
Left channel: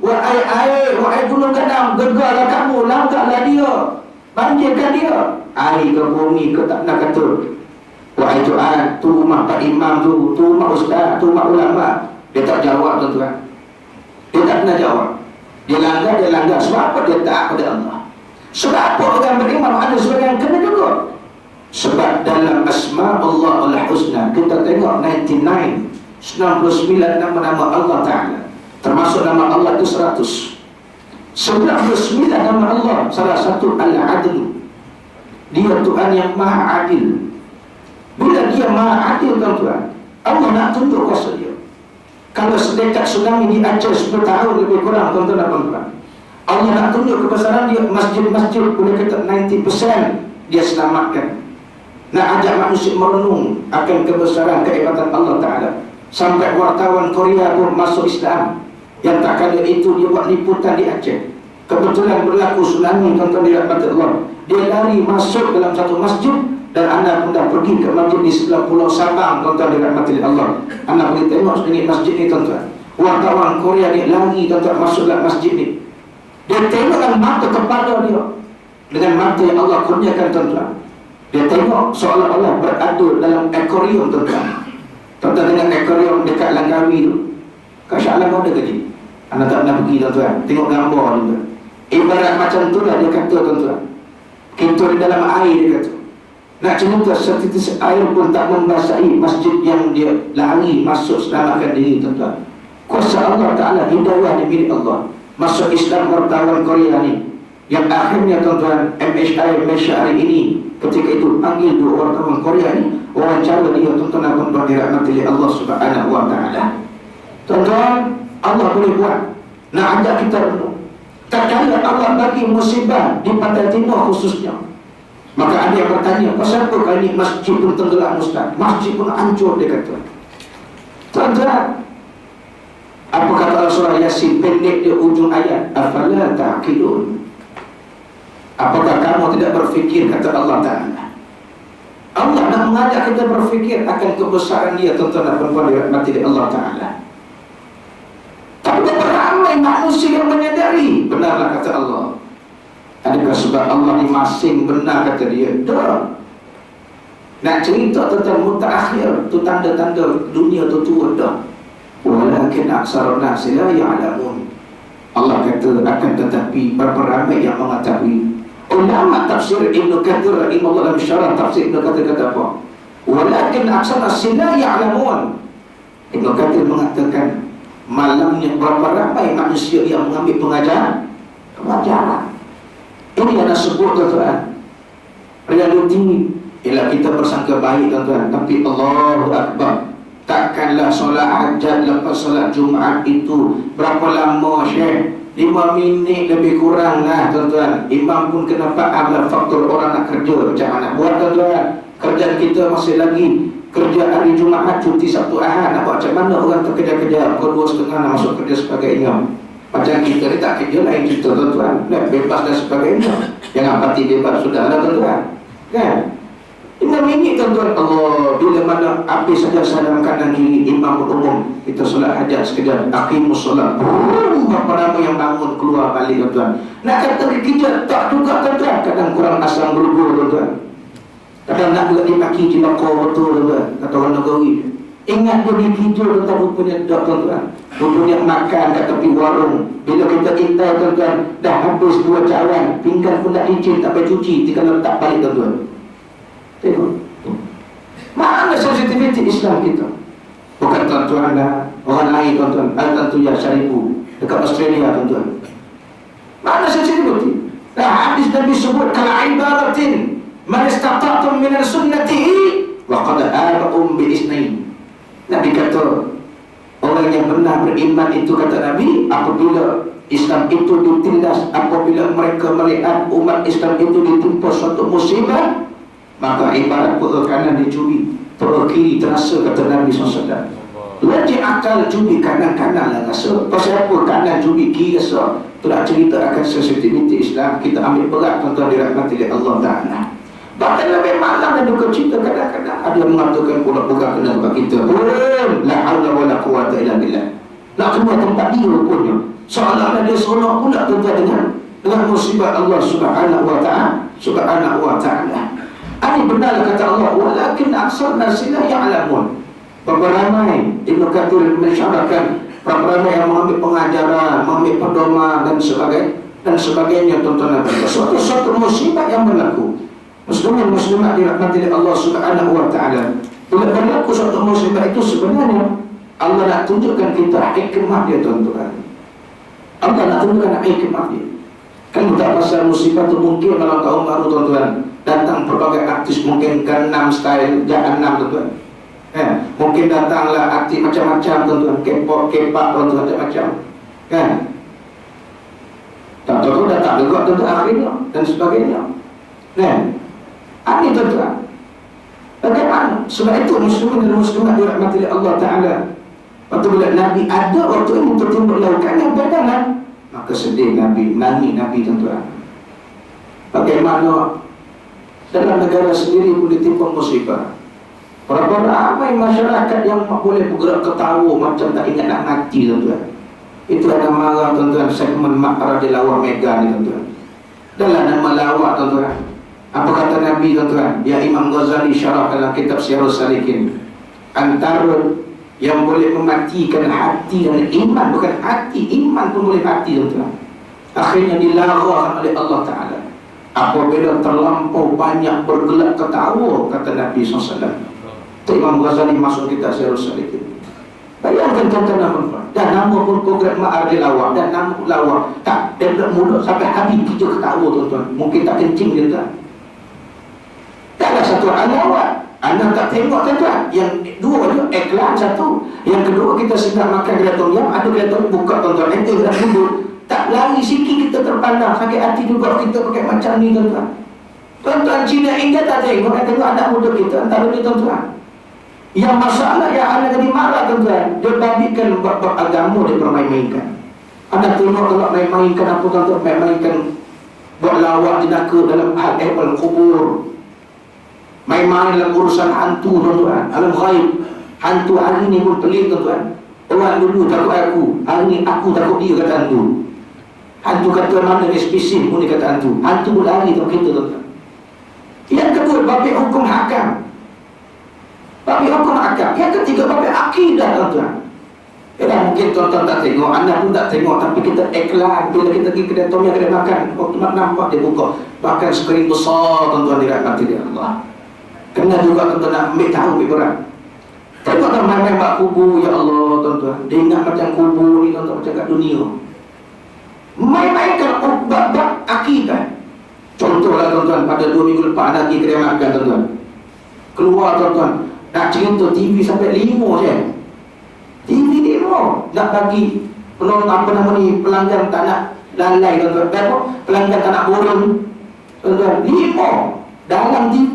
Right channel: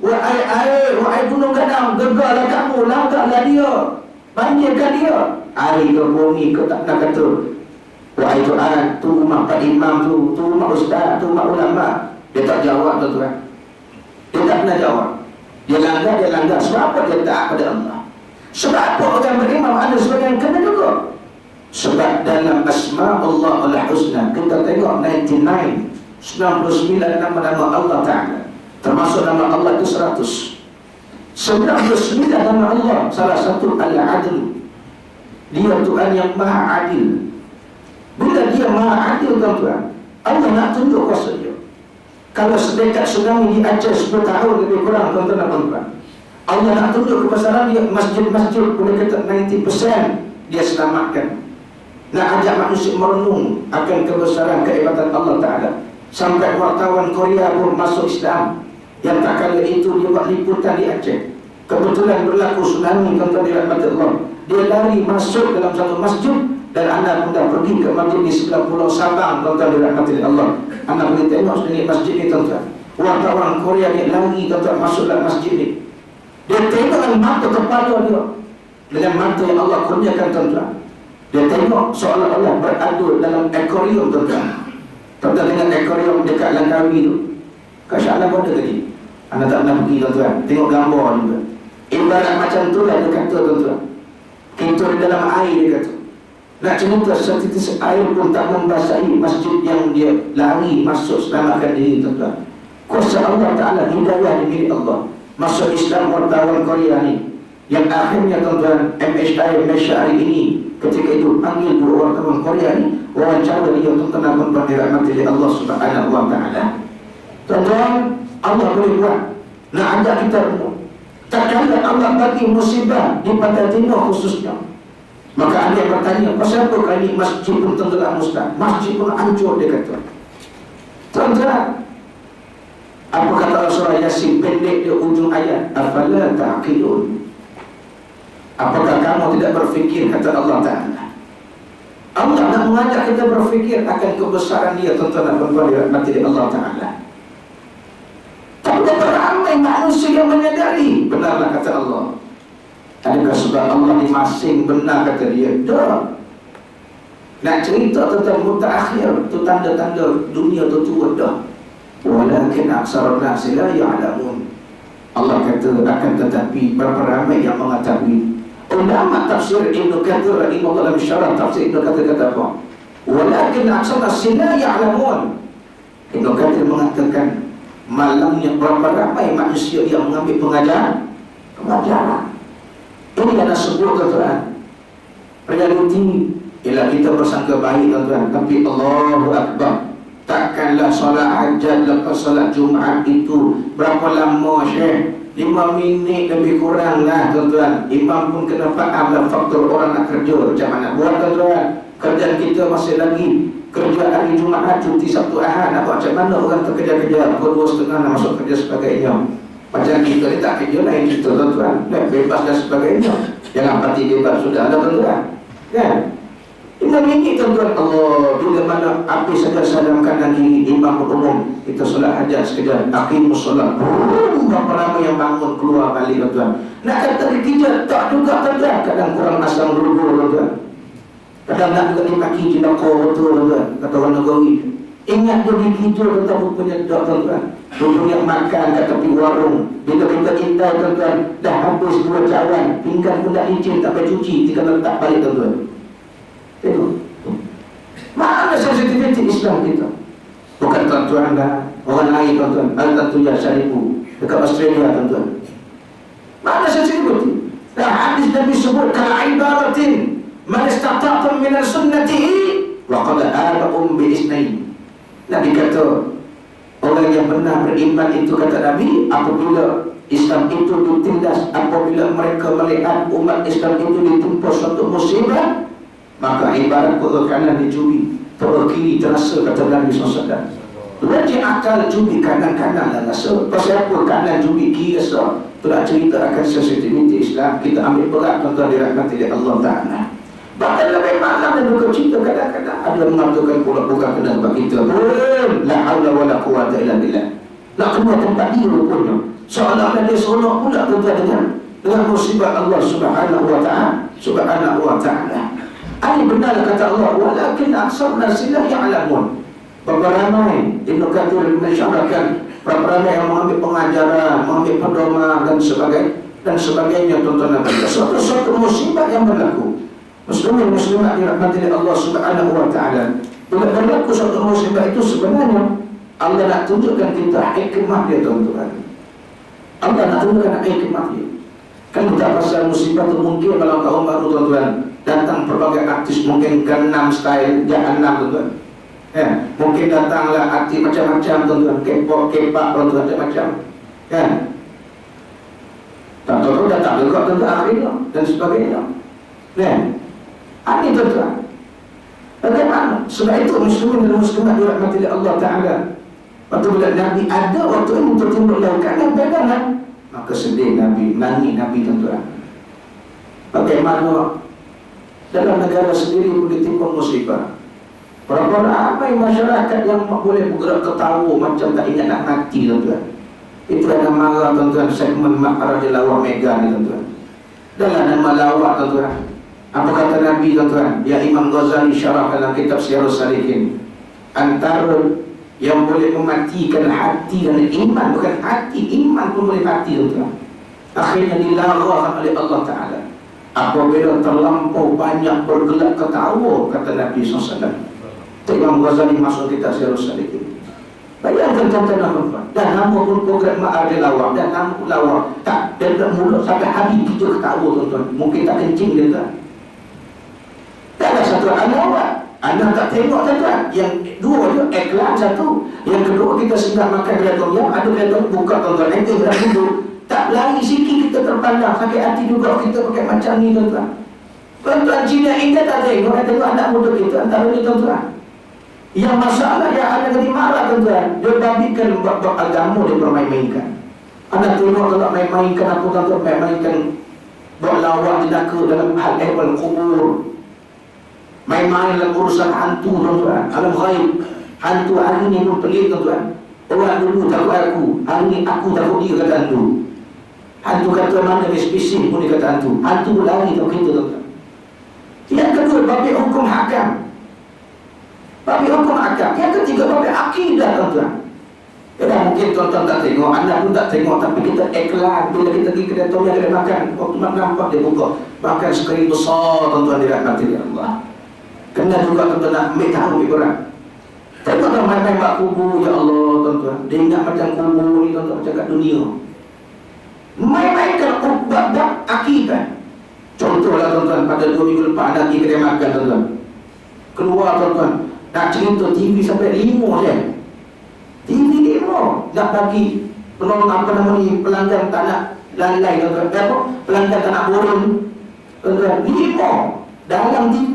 wahai air, wahai gunung gadang, gegarlah kamu, langkahlah dia, banjirkan dia. Air ke bumi ke tak nak kata wahai Tuhan, tu rumah Pak Imam tu rumah ustaz, tu rumah ulama. Dia tak jawab tuan-tuan. Dia tak pernah jawab. Dia langgar. Sebab apa? Dia taat pada Allah. Sebab apa orang beriman ada sebagian kena juga? Sebab dalam asma Allah al-husna, kita tengok 99 nama-nama Allah Ta'ala, termasuk nama Allah itu 100. 99 nama Allah, salah satu Al-Adil. Dia Tuhan yang maha adil. Bila dia maha adil tuan-tuan, Allah nak tunjuk kuasa dia. Kalau sedekat tsunami di Aceh 10 tahun lebih kurang, tuan-tuan dan puan-puan, Allah nak tunjuk kebesaran dia. Masjid-masjid boleh kata 90% dia selamatkan. Nak ajak manusia merenung akan kebesaran kehebatan Allah Ta'ala. Sampai wartawan Korea pun masuk Islam. Yang tak kala itu dia buat liputan di Aceh. Kebetulan berlaku tsunami, tuan-tuan dirahmati Allah. Dia lari masuk dalam satu masjid. Dan anda pun dah pergi ke masjid di sebelah Pulau Sabang, tuan-tuan dirahmati Allah. Anda boleh tengok sedikit masjid ni tuan-tuan. Wartawan Korea dia lari tuan-tuan masuk dalam masjid ni. Dia tengok dengan mata kepala dia, dengan mata yang Allah kurniakan tuan-tuan. Dia tengok seolah-olah beradu dalam akuarium tuan-tuan. Tuan-tuan dengan akuarium dekat Langkawi tu. Kat Shah Alam ada ke ni? Anda tak pernah pergi tuan-tuan. Tengok gambar juga. Ibarat macam tu lah dia kata tuan-tuan. Kita di dalam air dia kata. Nak cerita setitis air pun tak membasahi masjid yang dia lari masuk selamatkan diri tuan-tuan. Kuasa Allah Ta'ala, hidayah di milik Allah. masuk Islam wartawan Korea ni, yang akhirnya tuan-tuan MHI Malaysia hari ini ketika itu panggil dua wartawan Korea ni, wawancara dia tuan-tuan dan puan-puan dirahmati oleh Allah Subhanahu wa taala. Tuan-tuan, Allah boleh buat. Nak ajak kita renung. Tak kala Allah bagi musibah di Pantai Timur khususnya, maka ada yang bertanya, pasal apa kali ini masjid pun tenggelam Ustaz, masjid pun hancur, dia kata. Tuan-tuan, apa kata surah Yasin pendek dia ujung ayat, afala ta'qilun. Apakah kamu tidak berfikir, kata Allah Ta'ala. Allah nak mengajak kita berfikir akan kebesaran dia, tuan-tuan dan puan-puan dirahmati Allah Ta'ala. Tak ramai manusia yang menyadari. Benarlah kata Allah. Adakah sebab Allah ni masing benar, kata dia? Dah. Nak cerita tentang mutaakhir, tu tanda-tanda dunia tu tua dah. Walakin aksarun nasi la ya'lamun. Allah kata akan tetapi berapa ramai yang mengetahui. Ulama tafsir Ibn Kathir rahimahullah dalam syarah tafsir Ibn Kathir kata apa? Walakin aksarun nasi la ya'lamun. Ibn Kathir mengatakan malamnya berapa ramai manusia yang mengambil pengajaran. Ini yang sebut, tuan-tuan, realiti. Ialah kita bersangka baik, tuan-tuan, tapi Allahu Akbar, takkanlah solat hajat lepas solat Jumaat itu berapa lama, Syekh? 5 minit lebih kurang lah, tuan-tuan. Imam pun kena faham lah faktor orang nak kerja macam mana buat, tuan-tuan. Kerjaan kita masih lagi kerja hari Jumaat, cuti Sabtu Ahad. Nampak macam mana orang terkejar-kejar pukul 2.30 nak masuk kerja sebagainya. Macam kita ni tak kerja lain cerita, tuan-tuan, bebas dan sebagainya. Jangan pati bebas sudah lah, tuan-tuan, kan? 5 minit, tuan-tuan. Allah, bila mana habis saja salam kanan kiri, imam berumum, kita solat hajat sekejap, aqimus solat, berapa ramai yang bangun keluar balik, tuan-tuan. Nak kata kerja tak juga, tuan-tuan. Kadang kurang asam berubur, tuan-tuan. Kadang nak juga dimaki jelakor betul, tuan-tuan, kata orang Negeri. Ingat dia dikijau, tuan-tuan, rupanya tak, tuan-tuan. Rupanya makan kat tepi warung. Bila kita intai, tuan-tuan, dah habis 2 cawan, pinggan pun dah licin, tak payah cuci, kita letak balik, tuan-tuan. Tengok mana sensitiviti Islam kita. Bukan tuan-tuan dah orang lain, tuan-tuan. Al-Tantuya Syarifu dekat Australia, tuan-tuan. Mana sensitiviti? Dah hadis Nabi sebut kala ibaratin man istata'tum min sunnatihi wa qad aba'um bi isnain. Nabi kata orang yang benar beriman itu, kata Nabi, apabila Islam itu ditindas, apabila mereka melihat umat Islam itu ditimpa suatu musibah, maka ibarat perut kanan dicuri, perut kiri terasa, kata Nabi SAW. Lagi akal curi kanan-kanan lah rasa. Pasal apa kanan curi kiri rasa? Itulah cerita akan sensitiviti Islam. Kita ambil berat, tuan-tuan dirahmati oleh Allah Ta'ala. Bahkan lebih malam dan duka cita kadang-kadang ada yang mengatakan pula-pula kena sebab kita la haula wa la quwata illa billah. Nak kena tempat dia rupanya. Seolah-olah dia seronok pula, tuan-tuan, dengan musibah Allah Subhanahu wa Ta'ala. Subhanahu wa Ta'ala. Ini benar kata Allah, walakin aksar nasi la ya'lamun. Berapa ramai Ibn Kathir mensyarahkan, berapa ramai yang mengambil pengajaran, mengambil pedoman dan sebagainya, tuan-tuan. Suatu musibah yang berlaku, muslimin muslimat dirahmati oleh Allah Subhanahu wa Ta'ala. Bila berlaku suatu musibah itu, sebenarnya Allah nak tunjukkan kita hikmah dia, tuan-tuan. Allah nak tunjukkan hikmah dia. Kan tak pasal musibah itu mungkin malam tahun baru, tuan-tuan, datang berbagai artis, mungkin Gangnam Style, Jahanam, tuan-tuan. Mungkin datanglah artis macam-macam, tuan-tuan, K-pop, K-pop, tuan-tuan, macam-macam, kan? Tak tahu datang juga, tuan-tuan, akhirnya dan sebagainya. Ini, tuan-tuan, bagaimana? Sebab itu muslimin dan muslimat dirahmati oleh Allah Ta'ala. Waktu bila Nabi ada waktu ini tertimbul laukan yang bedalah, maka sedih Nabi, nangis Nabi, tuan-tuan. Bagaimana dalam negara sendiri pun ditimpa musibah. Berapa ramai masyarakat yang boleh bergerak ketawa macam tak ingat nak mati, tuan-tuan. Itu yang marah, tuan-tuan, segmen Makrah di Lawak Mega ni, tuan-tuan. Dalam nama lawak, tuan-tuan, apa kata Nabi, tuan-tuan? Ya Imam Ghazali syarah dalam kitab Syiarus Salikin, antara yang boleh mematikan hati dan iman, bukan hati, iman pun boleh mati, tuan-tuan, akhirnya dilarang oleh Allah Ta'ala apabila terlampau banyak bergelak ketawa, kata Nabi SAW. Imam Ghazali masuk kitab Syiarus Salikin. Bayangkan tuan-tuan, dan nama pun program Ma'arif Lawak, dan nama lawak tak, dan mulut sampai habis kita ketawa tuan-tuan, mungkin tak kencing dia tuan. Tak ada satu lawak. Anda tak tengok tuan-tuan. Yang dua tu iklan satu. Yang kedua kita sedang makan kedai tom yam, ada kedai tom buka tuan-tuan. Kita nak duduk. Tak lari sikit kita terpandang. Sakit hati juga kita pakai macam ni tuan-tuan. Tuan-tuan Cina India tak tengok. Tengok anak muda kita antara ni tuan-tuan. Yang masalah yang anda jadi marah tuan-tuan. Dia babikan bab-bab agama dia bermain-mainkan. Anda tengok kalau main-mainkan apa tuan-tuan. Main-mainkan buat lawak jenaka dalam hal ehwal kubur. Main-main dalam urusan hantu tuan-tuan, alam ghaib. Hantu hari ni pun pelik tuan-tuan. Orang dulu takut aku, hari ni aku takut dia, kata hantu. Hantu kata mana dia spesifik pun dia kata hantu. Hantu pun lari tau kita tuan-tuan. Yang kedua, babit hukum hakam. Babit hukum hakam. Yang ketiga, babit akidah tuan-tuan. Mungkin tuan-tuan tak tengok, anda pun tak tengok, tapi kita iklan. Bila kita pergi kedai tom yang kedai makan, waktu nampak dia buka makan skrin besar tuan-tuan, dia rahmati dia Allah. Kena juga tuan-tuan nak ambil tahu lebih berat. Tengok tuan main-main bak kubur, ya Allah tuan-tuan. Dia ingat macam kubur ni tuan-tuan, macam kat dunia. Main-mainkan bab-bab akidah. Contohlah tuan-tuan, pada 2 minggu lepas ada pergi kedai makan tuan-tuan. Keluar tuan-tuan, nak cerita TV sampai 5 je. TV 5 nak bagi penonton apa nama ni, pelanggan tak nak lalai tuan-tuan. Pelanggan tak nak borong tuan-tuan. 5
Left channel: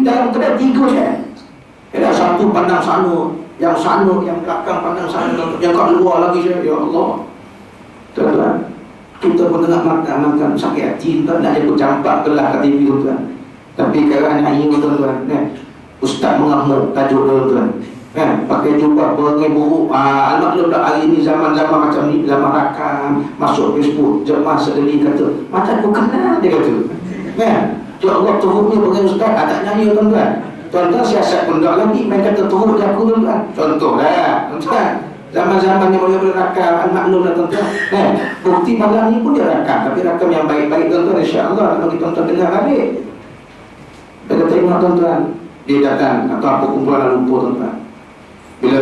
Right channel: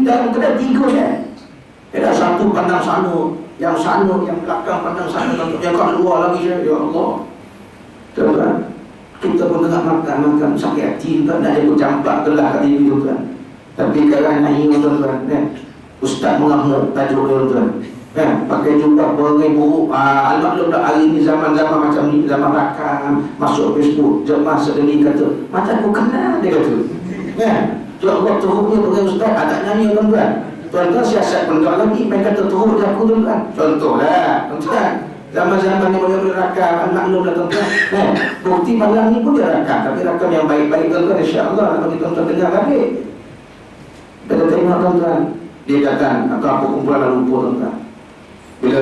dalam kedai 3 je. Ada satu pandang sana, yang belakang pandang sana, yang kat luar lagi je. Ya Allah tuan-tuan, kita pun tengah makan sakit hati tuan, nak ikut campak kelah kat TV tuan. Tapi kerana ini tuan-tuan, ustaz mengamuk tajuk tuan-tuan, pakai jubah beribu. Almaklum dah hari ni zaman-zaman macam ni, zaman rakam, masuk Facebook, jemaah sedeli kata, macam aku kenal dia kata. Ya Allah teruknya pakai ustaz, tak nyanyi tuan-tuan. Tuan-tuan siasat pun tak lagi, main kata teruk dia aku tuan-tuan. Contohlah tuan-tuan, zaman-zaman yang boleh rakam, almaklum dah tuan-tuan. Bukti malam ni pun dia rakam, tapi rakam yang baik-baik tuan-tuan, insya-Allah bagi tuan-tuan dengar balik. Kita tengok tuan-tuan, dia datang atau apa kumpulan lumpur tuan-tuan. Bila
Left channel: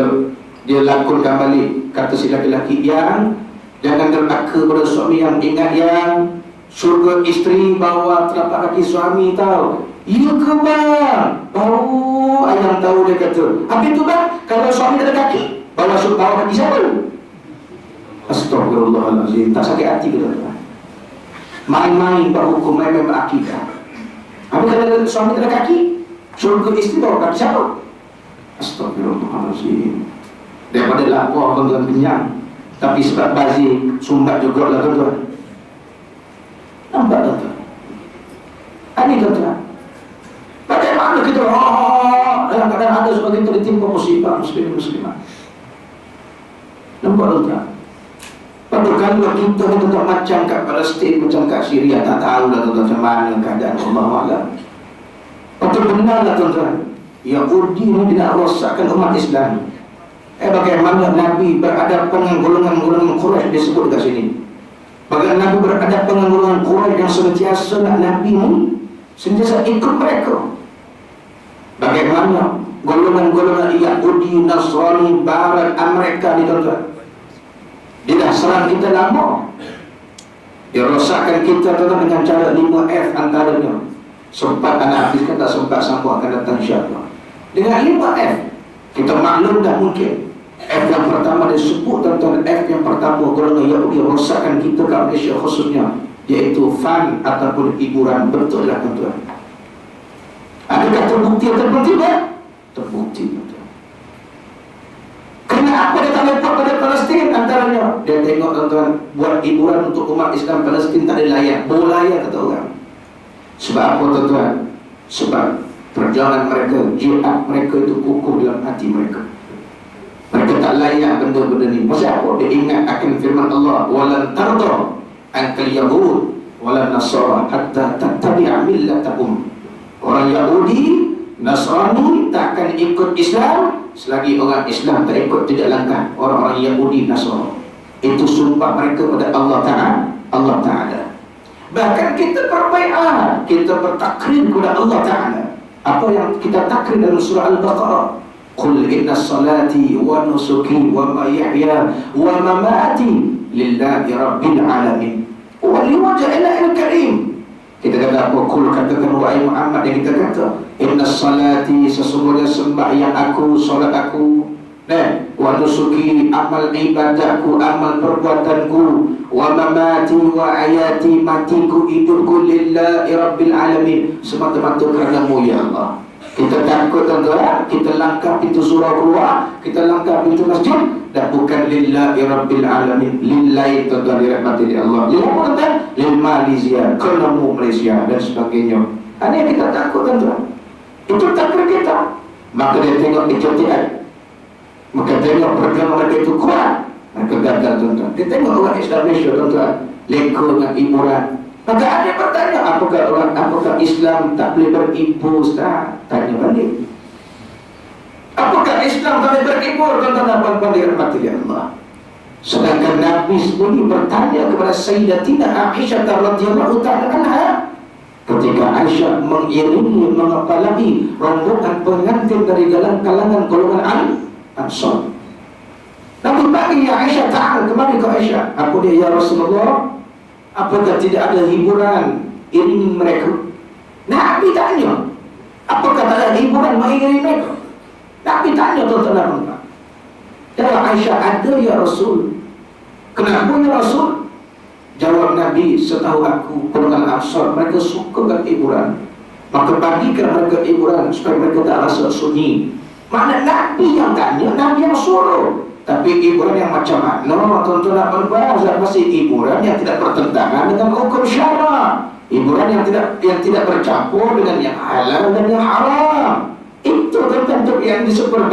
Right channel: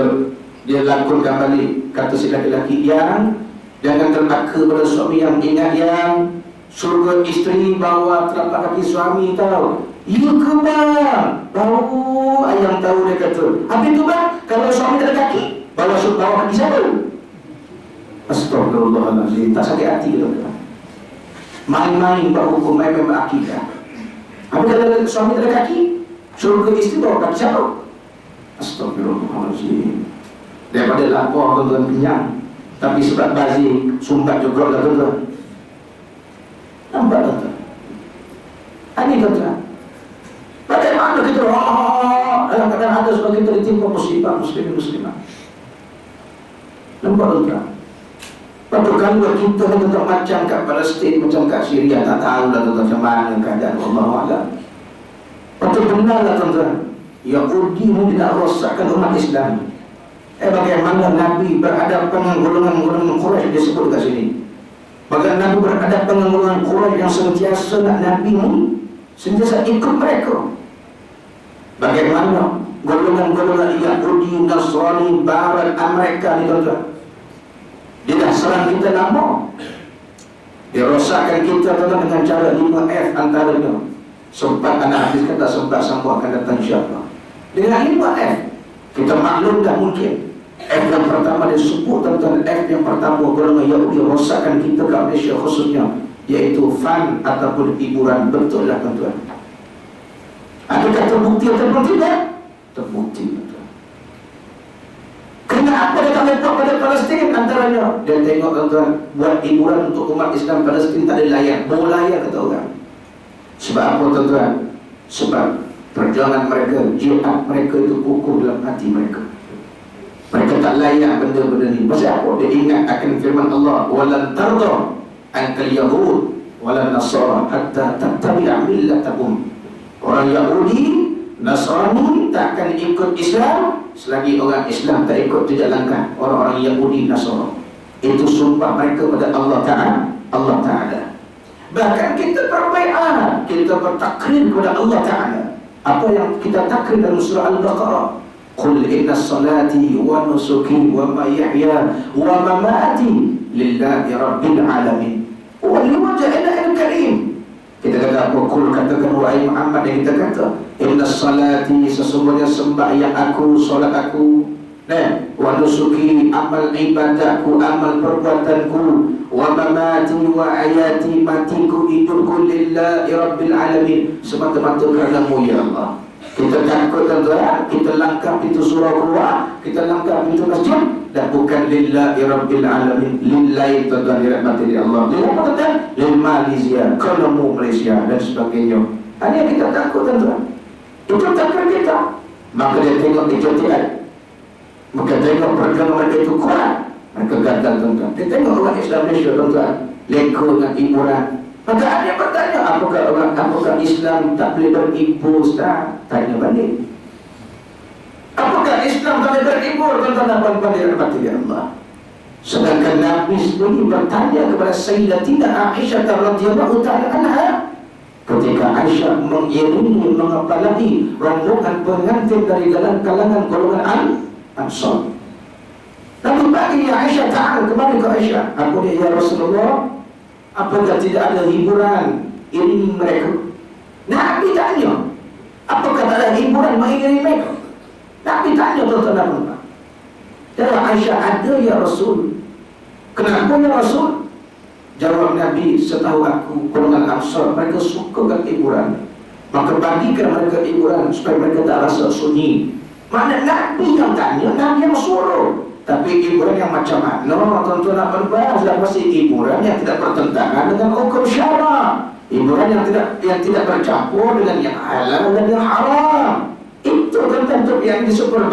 dia lakonkan balik, kata si laki-laki yang jangan terlaka pada suami yang ingat yang surga isteri bawa telapak kaki suami tahu. Ya ke bang? Baru ayam tahu dia kata. Habis tu bang, kalau suami tak ada kaki, bawa kaki siapa? Astagfirullahaladzim. Tak sakit hati ke tuan-tuan? Main-main buat hukum, main-main buat akidah. Habis kalau suami tak ada kaki, surga isteri bawa kaki siapa? Astagfirullahaladzim. Daripada lapar tuan-tuan kenyang, tapi sebab bazir sumbat juga lah tuan-tuan. Nampak tuan-tuan? Ini tuan-tuan, bagaimana kita dalam keadaan ada sebab kita ditimpa musibah muslimah. Nampak tuan-tuan? Kalau kita tak macam kat Palestin, macam kat Syria, tak tahu lah tuan-tuan macam mana keadaan Allah. Betul benar lah tuan-tuan, Yahudi ni tidak rosakkan umat Islam. Bagaimana Nabi berhadapan dengan golongan-golongan Quraisy disebut dekat sini. Bagaimana Nabi berhadapan dengan golongan Quraisy yang sentiasa nak Nabi ni, sentiasa ikut mereka. Bagaimana golongan-golongan Yahudi, Nasrani, Barat, Amerika ni tuan-tuan, dia dah serang kita lama. Dia rosakkan kita tuan-tuan dengan cara 5F antaranya. Sempat anak hadis kata, sempat sambung akan datang insya-Allah. Dengan 5F kita maklum dah mungkin. F yang pertama dia sebut tuan-tuan, F yang pertama golongan Yahudi rosakkan kita kat Malaysia khususnya, iaitu fun ataupun hiburan. Betul lah tuan-tuan. Adakah terbukti ataupun tidak? Terbukti tuan-tuan. Kenapa dia tak lepas pada Palestin antaranya? Dia tengok tuan-tuan, buat hiburan untuk umat Islam Palestin tak ada layak. Bolaya kata orang. Sebab apa tuan-tuan? Sebab perjuangan mereka, jihad mereka itu kukuh dalam hati mereka. Mereka tak layak benda-benda ni. Pasal apa? Dia ingat akan firman Allah, walan tarda ankal yahud walan nasara hatta tattabi'a millatahum. Orang Yahudi, Nasrani tak akan ikut Islam selagi orang Islam tak ikut jejak langkah orang-orang Yahudi, Nasrani. Itu sumpah mereka pada Allah Ta'ala. Bahkan kita berbaiat, kita bertakrir kepada Allah Ta'ala. Apa yang kita takrir dalam surah Al-Baqarah, Qul inna salati wa nusuki wa mahyaya wa mamati lillahi rabbil alamin wa liwajhil karim. Kita kata apa? Qul, katakan wahai Muhammad, yang kita kata inna salati, sesungguhnya sembahyang aku, solat aku, wa nusuki, amal ibadahku, amal perbuatanku, wa mamati wa ayati, matiku, hidupku, lillahi rabbil alamin, semata-mata kerana-Mu ya Allah. Kita takut tuan-tuan, kita langkah pintu surau keluar, kita langkah pintu masjid, dan bukan lillahi rabbil alamin. Lillahi tuan-tuan dirahmati di Allah. Lillahi apa tuan-tuan? Lil Malaysia, kerana-Mu Malaysia dan sebagainya. Ini yang kita takut tuan-tuan. Itu takdir kita. Maka dia tengok kejadian, maka tengok perkara mereka itu kuat, mereka gagal tuan-tuan. Dia tengok orang Islam Malaysia tuan-tuan, leka dengan hiburan. Maka ada bertanya, apakah Islam tak boleh berhibur, Ustaz? Tanya balik. Apakah Islam tak boleh berhibur? Tuan-tuan dan puan-puan dirahmati Allah. Sedangkan Nabi sendiri bertanya kepada Sayyidatina Aisyah radhiyallahu ta'ala anha, ketika Aisyah mengiringi, mengepalai rombongan pengantin dari kalangan golongan Ansar. Nabi bagi ya Aisyah, ta'ala, kemari ke Aisyah. Apa dia ya Rasulullah? Apakah tidak ada hiburan iringi mereka? Nabi tanya, apakah tak ada hiburan mengiringi mereka? Nabi tanya tuan-tuan. Ya Aisyah, ada ya Rasul. Kenapa ya Rasul? Jawab Nabi, setahu aku golongan Ansar mereka suka dengan hiburan, maka bagikan mereka hiburan supaya mereka tak rasa sunyi. Mana Nabi yang tanya, Nabi yang suruh. Tapi hiburan yang macam mana tuan-tuan nak berbahasa? Pasti hiburan yang tidak bertentangan dengan hukum syara, hiburan yang tidak bercampur dengan yang halal dan yang haram. Itu tuan-tuan yang disebut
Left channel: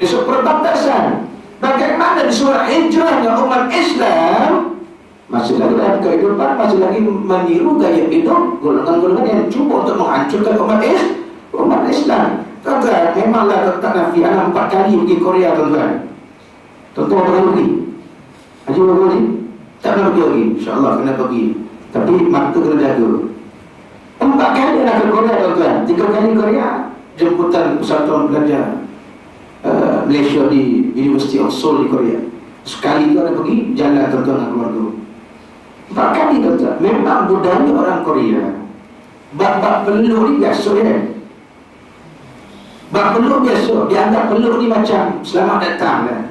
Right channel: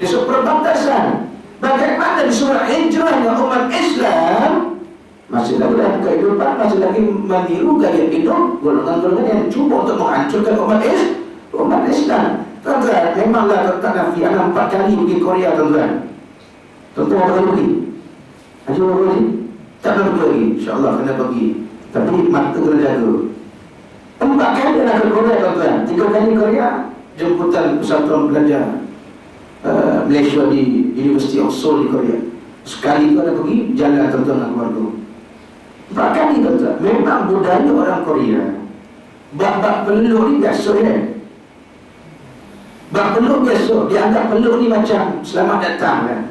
perbatasan. Bagaimana di surah hijrahnya umat Islam masih lagi dalam kehidupan, masih lagi meniru gaya hidup golongan-golongan yang cuba untuk menghancurkan umat Islam. Tuan-tuan, memanglah tak Nafi anak 4 kali pergi Korea tuan-tuan. Tuan-tuan berapa pergi? Haji berapa pergi? Tak pernah pergi lagi. InsyaAllah kena pergi. Tapi mata kena jaga. 4 kali nak ke Korea tuan-tuan. 3 kali Korea, jemputan persatuan belajar Malaysia di University of Seoul di Korea. Sekali tu ada pergi jalan tuan-tuan dengan keluarga. 4 kali tuan-tuan. Memang budaya orang Korea, bab peluk ni biasa ya. Bab peluk biasa. Dianggap peluk ni macam selamat datang kan.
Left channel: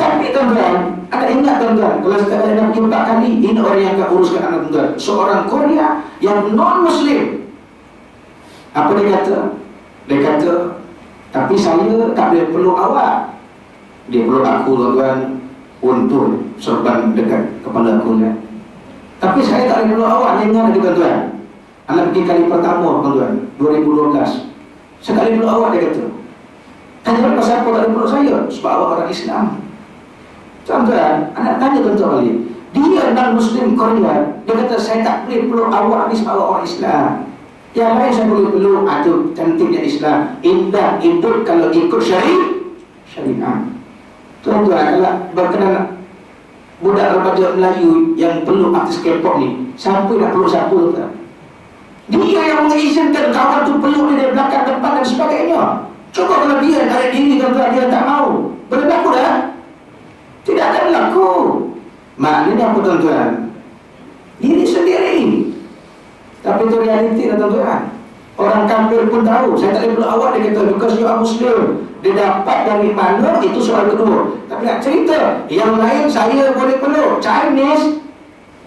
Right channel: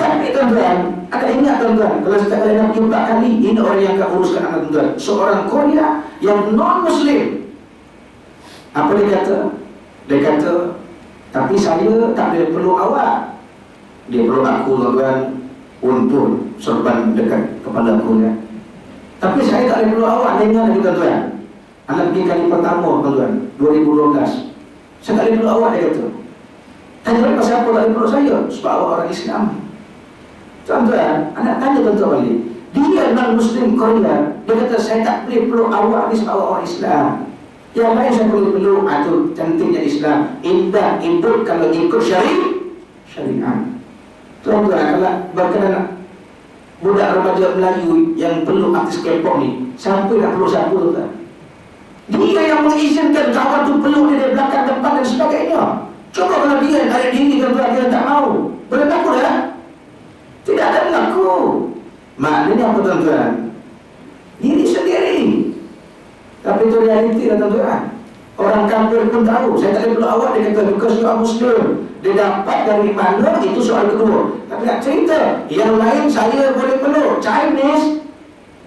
Tapi tuan-tuan, ada ingat tuan-tuan, kalau setiap kali nak 4 kali, ini orang yang akan uruskan anak tuan-tuan. Seorang Korea yang non-Muslim. Apa dia kata? Dia kata, tapi saya tak boleh peluk awak. Dia peluk aku tuan-tuan, untuk serban dekat kepala aku ya. Tapi saya tak boleh peluk awak. Dia ingat lagi tuan-tuan, anak pergi kali pertama tuan-tuan, 2012. Saya tak boleh peluk awak, dia kata. Tanya pasal apa tak boleh peluk saya? Sebab awak orang Islam. Tuan-tuan, anak tanya tuan-tuan balik. Dia non-Muslim Korea, dia kata saya tak boleh peluk awak ni sebab awak orang Islam. Yang lain saya boleh peluk, itu cantiknya Islam. Indah hidup kalau ikut syariat. Tuan-tuan, kalau berkenan budak remaja Melayu yang peluk artis K-pop ni, siapa nak peluk siapa tuan? Dia yang mengizinkan kawan tu peluk dia dari belakang, depan dan sebagainya. Cuba kalau dia tak ada diri tuan-tuan, dia tak mau. Berlaku dah? Tidak ada berlaku. Maknanya apa tuan-tuan? Diri sendiri. Tapi itu realiti tuan-tuan. Orang kafir pun tahu. Saya tak boleh peluk awak, dia kata because you are Muslim. Dia dapat dari mana, itu soal kedua. Tapi nak cerita, yang lain saya boleh peluk. Chinese,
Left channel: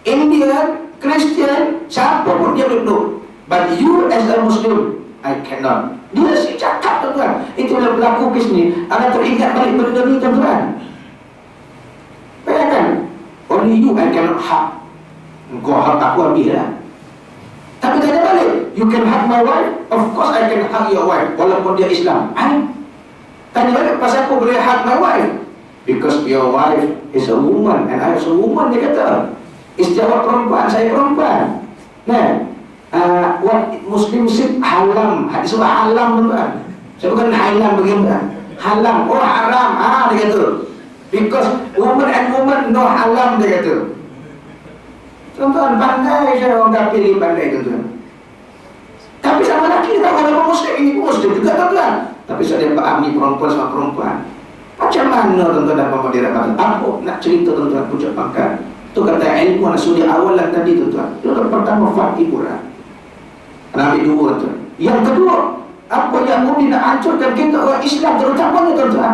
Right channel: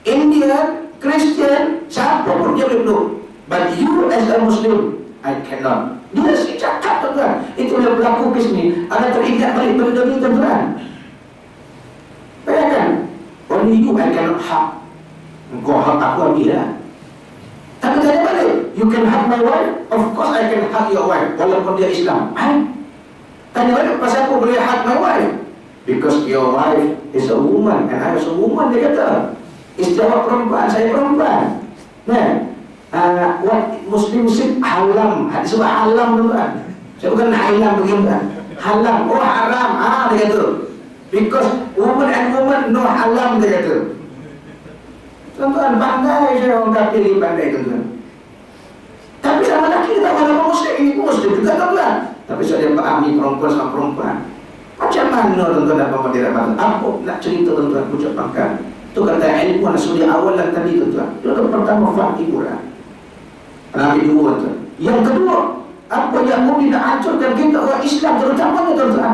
Indian, Christian, siapa pun dia boleh peluk. But you as a Muslim, I cannot. Dia si cakap tuan-tuan. Itu bila berlaku kes ni, ada teringat balik benda ni tuan-tuan. Bayangkan, only you I cannot hug. Kau hug aku habis lah. Tapi tanya balik, you can hug my wife? Of course I can hug your wife, walaupun dia Islam. Tanya balik, pasal aku boleh hug my wife? Because your wife is a woman and I is a woman, dia kata. Istilah perempuan, saya perempuan. Nah, what Muslim say halam. Hadis halam tuan-tuan. Saya bukan halam bagaimana? Halam, oh haram. Dia kata. Because woman and woman no halam, dia kata. Tuan-tuan, pandai saya orang kafir ni, pandai tuan-tuan. Tapi sama lagi kita walaupun Muslim, ini pun Muslim juga tuan-tuan. Tapi saya paham ni perempuan sama perempuan. Macam mana tuan-tuan dan puan-puan dirahmati? Apa nak cerita tuan-tuan pucuk pangkat? Tu kata ilmu anak suri awalan tadi tuan-tuan. Itu pertama hiburan. Anak dua tuan. Yang kedua, apa yang mungkin nak hancurkan kita orang Islam terutamanya tuan-tuan?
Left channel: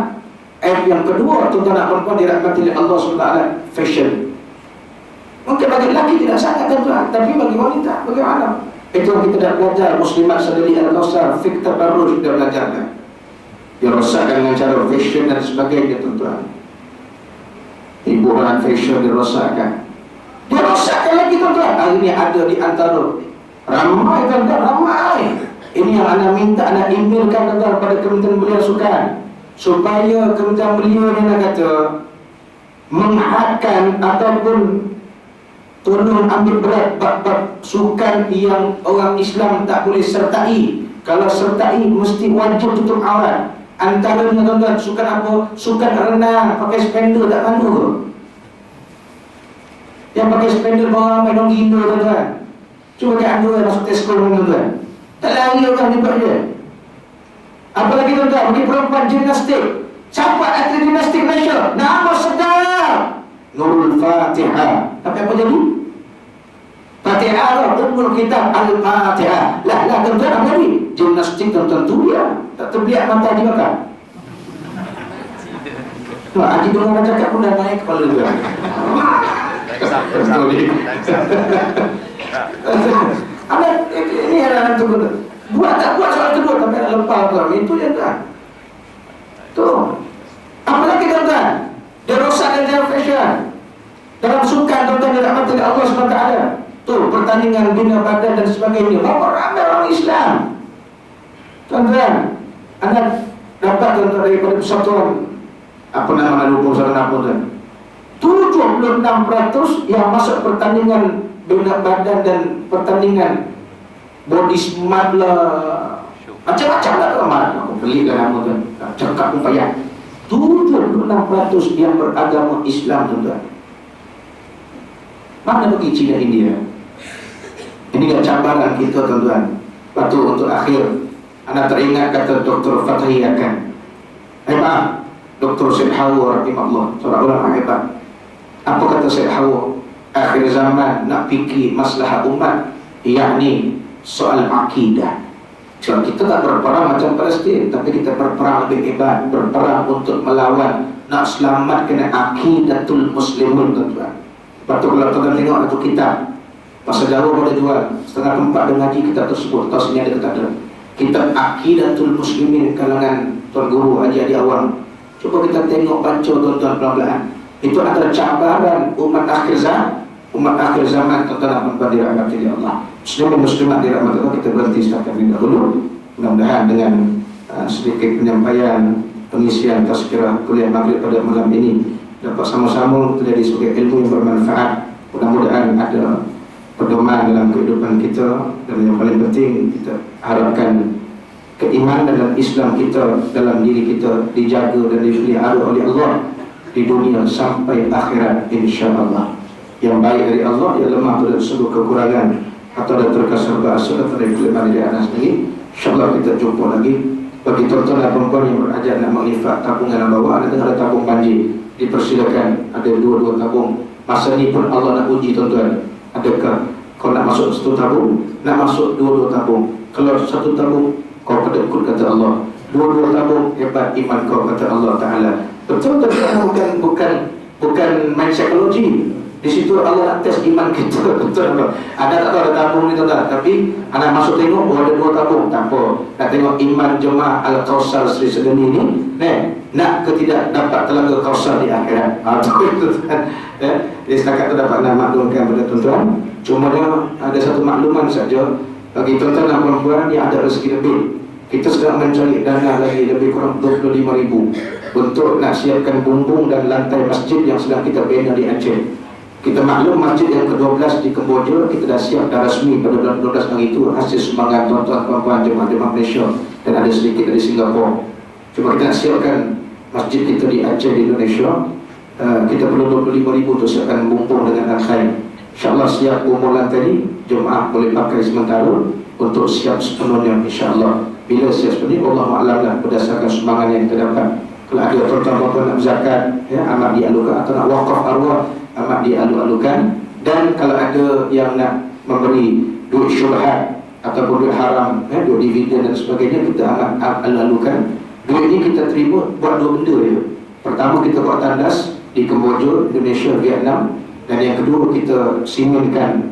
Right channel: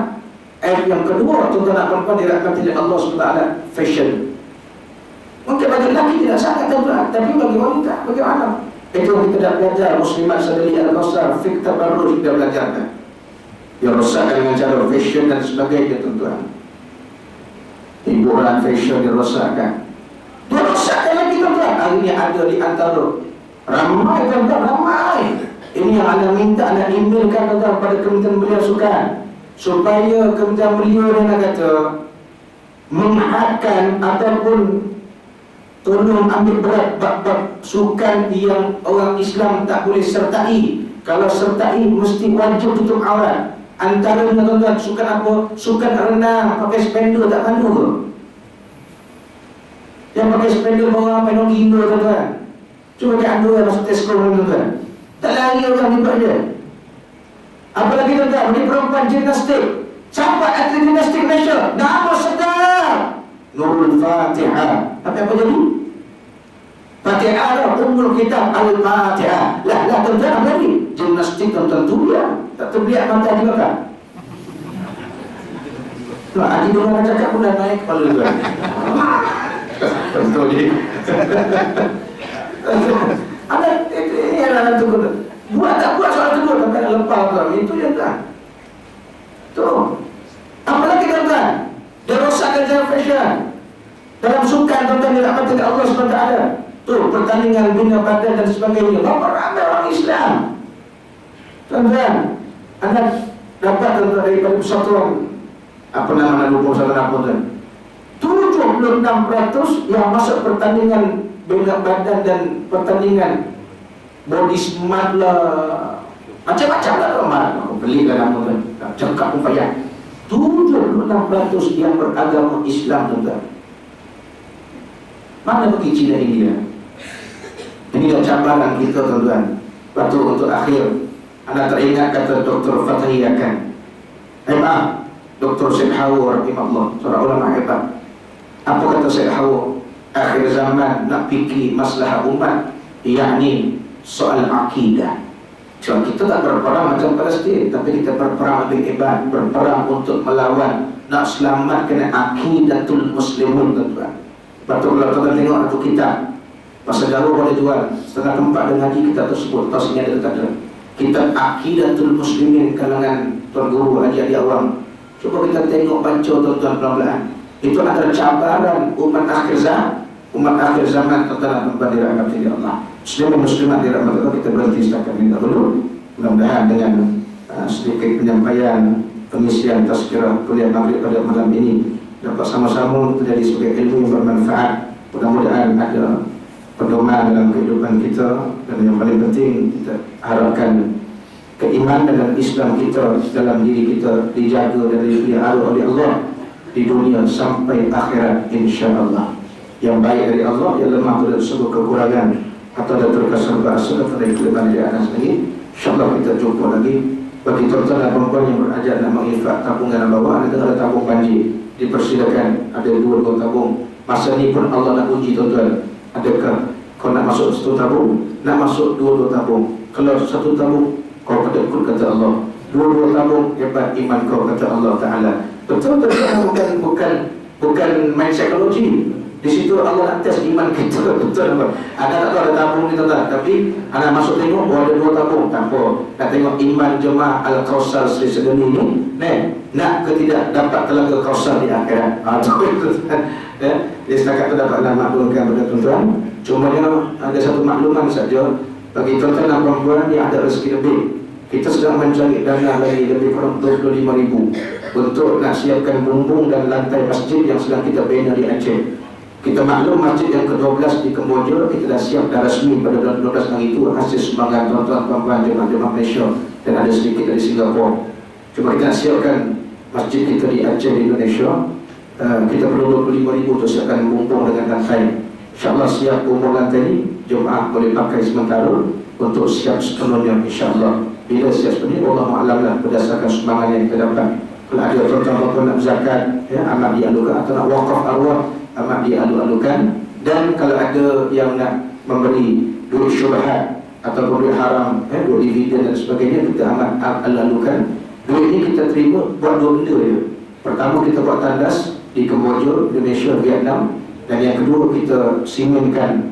Yang kedua tuan-tuan dan puan-puan dirahmati oleh Allah SWT, fashion. Mungkin bagi lelaki tidak sangat tuan-tuan, tapi bagi wanita bagaimana? Itu kita dah belajar muslimat sadali al-qasar, fiqh tabarruj kita belajarkan. Dia rosakkan dengan cara fashion dan sebagainya tuan-tuan. Hiburan fashion dirosakkan. Dia rosakkan lagi tuan-tuan. Hari ini ada di antara ramai tuan-tuan, ramai. Ini yang anda minta, anda emailkan tuan-tuan pada Kementerian Belia Sukan, supaya Kementerian Belia ni nak kata menghadkan ataupun tolong ambil berat bab-bab sukan yang orang Islam tak boleh sertai. Kalau sertai mesti wajib tutup aurat. Antaranya tuan-tuan, sukan apa? Sukan renang pakai spender tak malu ke? Yang pakai spender bawah ramai dong gila tuan-tuan. Cuba pakai underwear masuk Tesco tuan-tuan. Tak lari orang ni buat dia. Apalagi tuan-tuan, ini perempuan gimnastik. Siapa atlet gimnastik Malaysia? Nama sedap Nurul Fatihah. Tapi apa jadi? Fatihah Ummul Kitab Al-Fatihah. Lah tuan-tuan, apa jadi? Gimnastik tuan-tuan tu dia. Tak terbiak mata juga kan? Tuan, Haji Dua nak cakap pun dah naik kepala tuan. Betul ni. Ini adalah tu. Buat tak buat soal kedua, tapi nak lepas tuan. Itu je tuan. Tu. Apalagi tuan-tuan, dia rosakkan cara fashion. Dalam sukan tuan-tuan dia dapat oleh Allah SWT. Tu pertandingan bina badan dan sebagainya. Berapa ramai orang Islam. Tuan-tuan, anda dapat tuan-tuan daripada persatuan apa nama lupa salah nama tuan. 76% yang masuk pertandingan bina badan dan pertandingan body smart lah, macam-macam lah tuan. Aku belikan nama tuan. Cakap pun payah. 76% yang beragama Islam tuan-tuan. Mana pergi China India? Ini cabaran kita tuan-tuan. Waktu untuk akhir, anda teringat kata Dr. Fathi akan Dr. Syed Hawa rahimahullah, seorang ulama hebat. Apa kata Syed Hawa? Akhir zaman nak fikir masalah umat, yakni soal akidah. So, kita tak berperang macam Palestin, tapi kita berperang lebih hebat, berperang untuk melawan, nak selamatkan akidatul muslimin tuan-tuan. Lepas tu kalau tuan-tuan tengok satu kitab bahasa Jawa boleh jual setengah tempat dengan ngaji kitab tersebut. Tahu sini ada tak ada? Kitab Akidatul Muslimin kalangan Tuan Guru Haji Adi Awang. Cuba kita tengok, baca tuan-tuan pelan-pelan. Itu antara cabaran umat akhir zaman tuan-tuan dan puan-puan dirahmati Allah. Muslimin muslimat dirahmati Allah. Kita berhenti setakat ini dahulu. Mudah-mudahan dengan sedikit penyampaian pengisian tazkirah kuliah maghrib pada malam ini dapat sama-sama terjadi sebagai ilmu yang bermanfaat. Mudah-mudahan ada pedoman dalam kehidupan kita, dan yang paling penting kita harapkan keimanan dan Islam kita dalam diri kita dijaga dan dipelihara oleh Allah di dunia sampai akhirat insya-Allah. Yang baik dari Allah, yang lemah dari sebuah kekurangan atau ada terkasar bahasa atau dari kelemahan dari anak sendiri. InsyaAllah kita jumpa lagi. Bagi tuan-tuan dan perempuan yang berhajat nak menginfak tabungan yang bawah, ada tabung banjir, dipersilakan. Ada 2 tabung. Masa ni pun Allah nak uji tuan-tuan. Adakah kau nak masuk 1 tabung, nak masuk 2 tabung? Kalau 1 tabung, kau kedekut kata Allah. 2 tabung, hebat iman kau kata Allah Ta'ala. Betul tak? Bukan main psikologi. Di situ Allah nak tes iman kita. Betul tak? Ada tak tahu ada tabung ni tuan-tuan, tapi anak masuk tengok, ada 2 tabung. Tak apa. Nak tengok iman jemaah Al-Kausar Sri Sedani ni, nak ke tidak dapat telaga Kausar di akhirat. Jadi setakat tu dapat nak maklumkan kepada tuan-tuan. Cuma ada satu makluman saja bagi tuan-tuan dan perempuan yang ada rezeki lebih. Kita sedang mencari dana lagi lebih kurang 25,000 untuk nak siapkan bumbung dan lantai masjid yang sedang kita bina di Aceh. Kita maklum masjid yang ke-12 di Kemboja kita dah siap, dah rasmi pada 12 hari itu hasil sumbangan tuan-tuan perempuan jemaah-jemaah Malaysia, dan ada sedikit dari Singapura. Cuma kita nak siapkan masjid kita di Aceh di Indonesia. Kita perlu 25,000 untuk siapkan bumbung dengan lantai. InsyaAllah siap bumbung lantai ni jemaah boleh pakai sementara untuk siap sepenuhnya insyaAllah. bila siap seperti ini, Allahu'alam lah berdasarkan sumbangan yang kita dapat. Kalau ada tuan-tuan nak zakat, ya, amat dialukan, atau nak wakaf arwah, amat dialu-alukan. Dan kalau ada yang nak memberi duit syubhat ataupun duit haram, duit dividen dan sebagainya, kita amat alu-alukan. Duit ini kita terima buat dua benda ya. Pertama, kita buat tandas di Kemboja, Indonesia, Vietnam. Dan yang kedua, kita simenkan